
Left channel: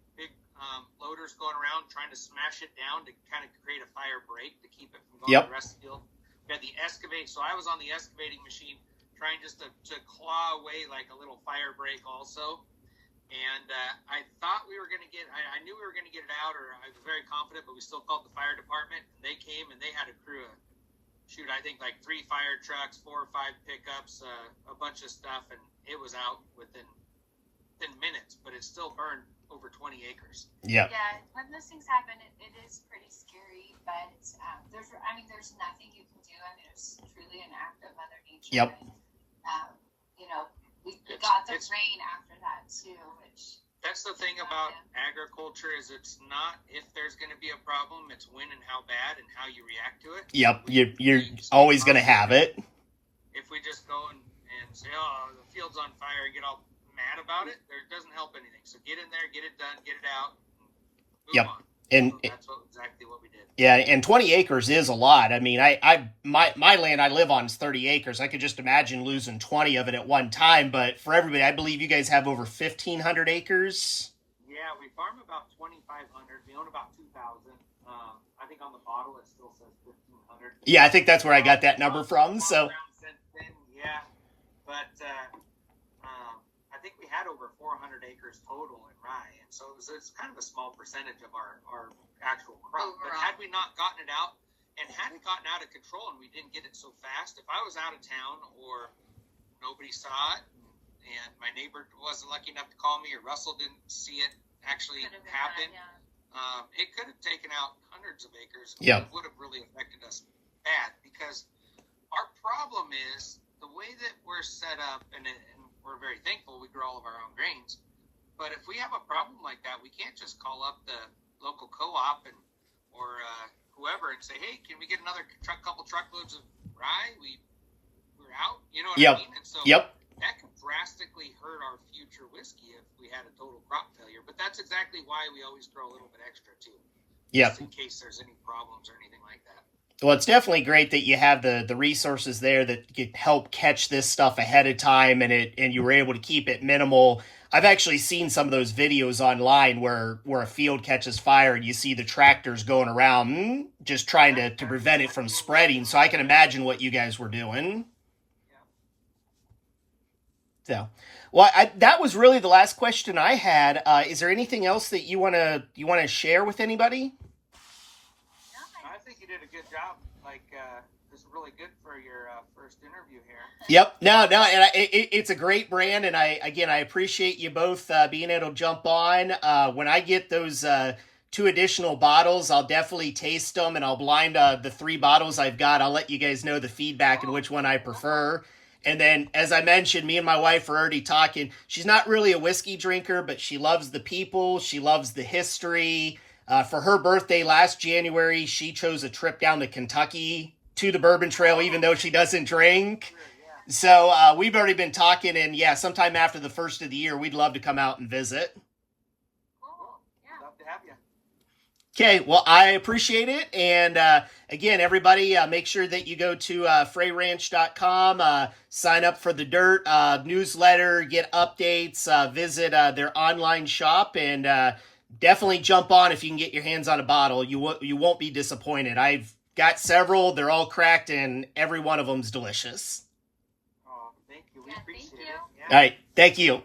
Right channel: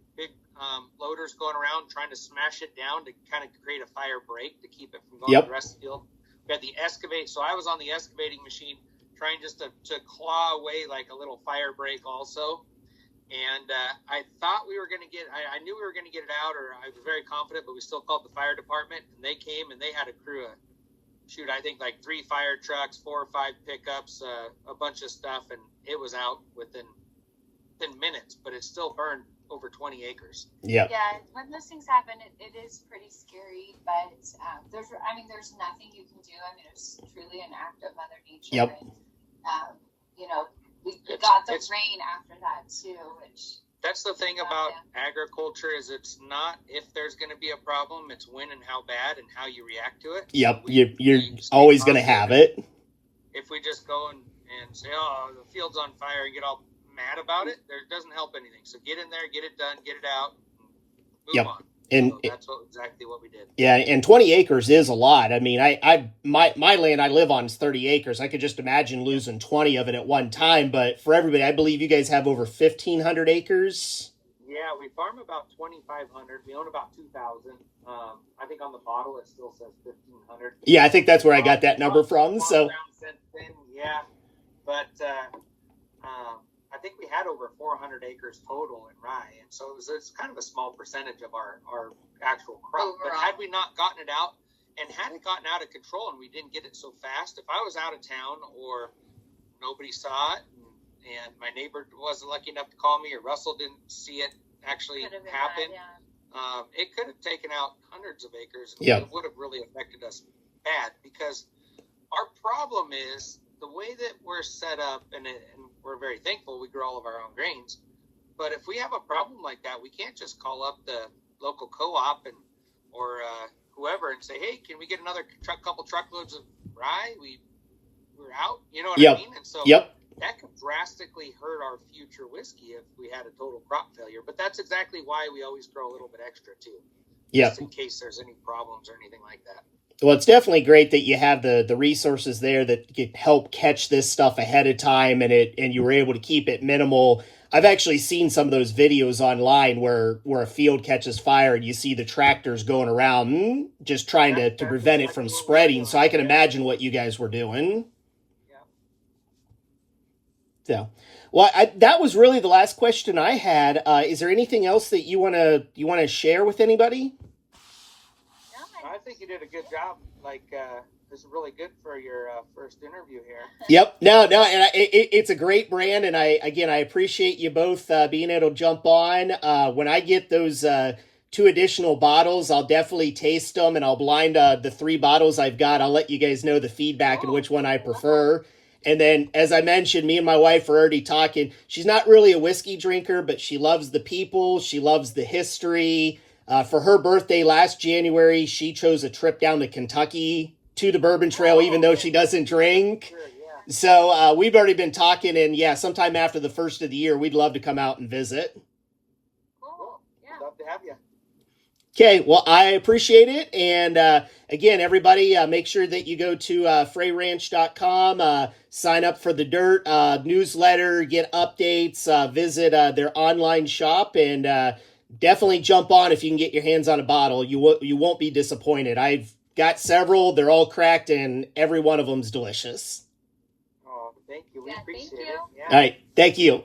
loaders going around trying to smash it down to kind of create a fire break to keep it from going to the rest of the field. We had the excavate, so I was on the excavating machine trying just to claw away like a little fire break also. And I thought we were going to I knew we were going to get it out, or I was very confident, but we still called the fire department, and they came and they had a crew of, I think like 3 fire trucks, 4 or 5 pickups, a bunch of stuff, and it was out within minutes, but it still burned over 20 acres. Yeah, when those things happen, it is pretty scary, but there's nothing you can do. I mean, it's truly an act of Mother Nature. Yep. And, we got the rain after that too, which that's the thing about agriculture is it's not if there's going to be a problem, it's when and how bad and how you react to it. Yep, you're always going to have it. If we just go and say, "Oh, the field's on fire," and get all mad about it, there doesn't help anything. So get in there, get it done, get it out, move on. And so that's exactly what we did. Yeah, and 20 acres is a lot. I mean, my land I live on is 30 acres. I could just imagine losing 20 of it at one time. But for everybody, I believe you guys have over 1,500 acres. Yeah, we farm about 2,500. We own about 2,000. I think on the bottle it still says 1,500. Yeah, I think that's where I got that number from. So yeah, but I think we had over 400 acres total in rye, and so it's kind of a small percentage of our actual crop. Overall. But had we not gotten it out, and had it gotten out of control, and we didn't get it so fast, if I was out of town or nobody saw it, and my neighbor wasn't lucky enough to call me, or Russell didn't see it actually happen, it could have taken out hundreds of acres. Yep. It would have really affected us bad, because our problem is the way that we're set up, and we're very thankful we grow all of our own grains. But if we have a problem like that, we can't just call up the local co-op or whoever and say, "Hey, can we get another couple truckloads of rye? We're out." You know what I mean? And so that could drastically hurt our future whiskey if we had a total crop failure. But that's exactly why we always grow a little bit extra too. Just in case there's any problems or anything like that. Well, it's definitely great that you have the resources there that can help catch this stuff ahead of time, and you were able to keep it minimal. I've actually seen some of those videos online where a field catches fire and you see the tractors going around just trying to prevent it from spreading. So I can imagine what you guys were doing. So, well, that was really the last question I had. Is there anything else that you wanna share with anybody? I think you did a good job. This is really good for your first interview here. Yep. No, and it's a great brand, and I appreciate you both being able to jump on. When I get those 2 additional bottles, I'll definitely taste them, and I'll blind the 3 bottles I've got. I'll let you guys know the feedback and which one I prefer. And then, as I mentioned, me and my wife are already talking. She's not really a whiskey drinker, but she loves the people. She loves the history. For her birthday last January, she chose a trip down to Kentucky to the Bourbon Trail, even though she doesn't drink. So we've already been talking, and sometime after the first of the year, we'd love to come out and visit. Cool. Yeah. Love to have you. Okay, well, I appreciate it. And again, everybody, make sure that you go to freyranch.com, sign up for the Dirt newsletter, get updates, visit their online shop, and definitely jump on if you can get your hands on a bottle. You won't be disappointed. I've got several. They're all cracked, and every one of them's delicious. Oh, thank you. We appreciate it. Yeah. All right, thank you.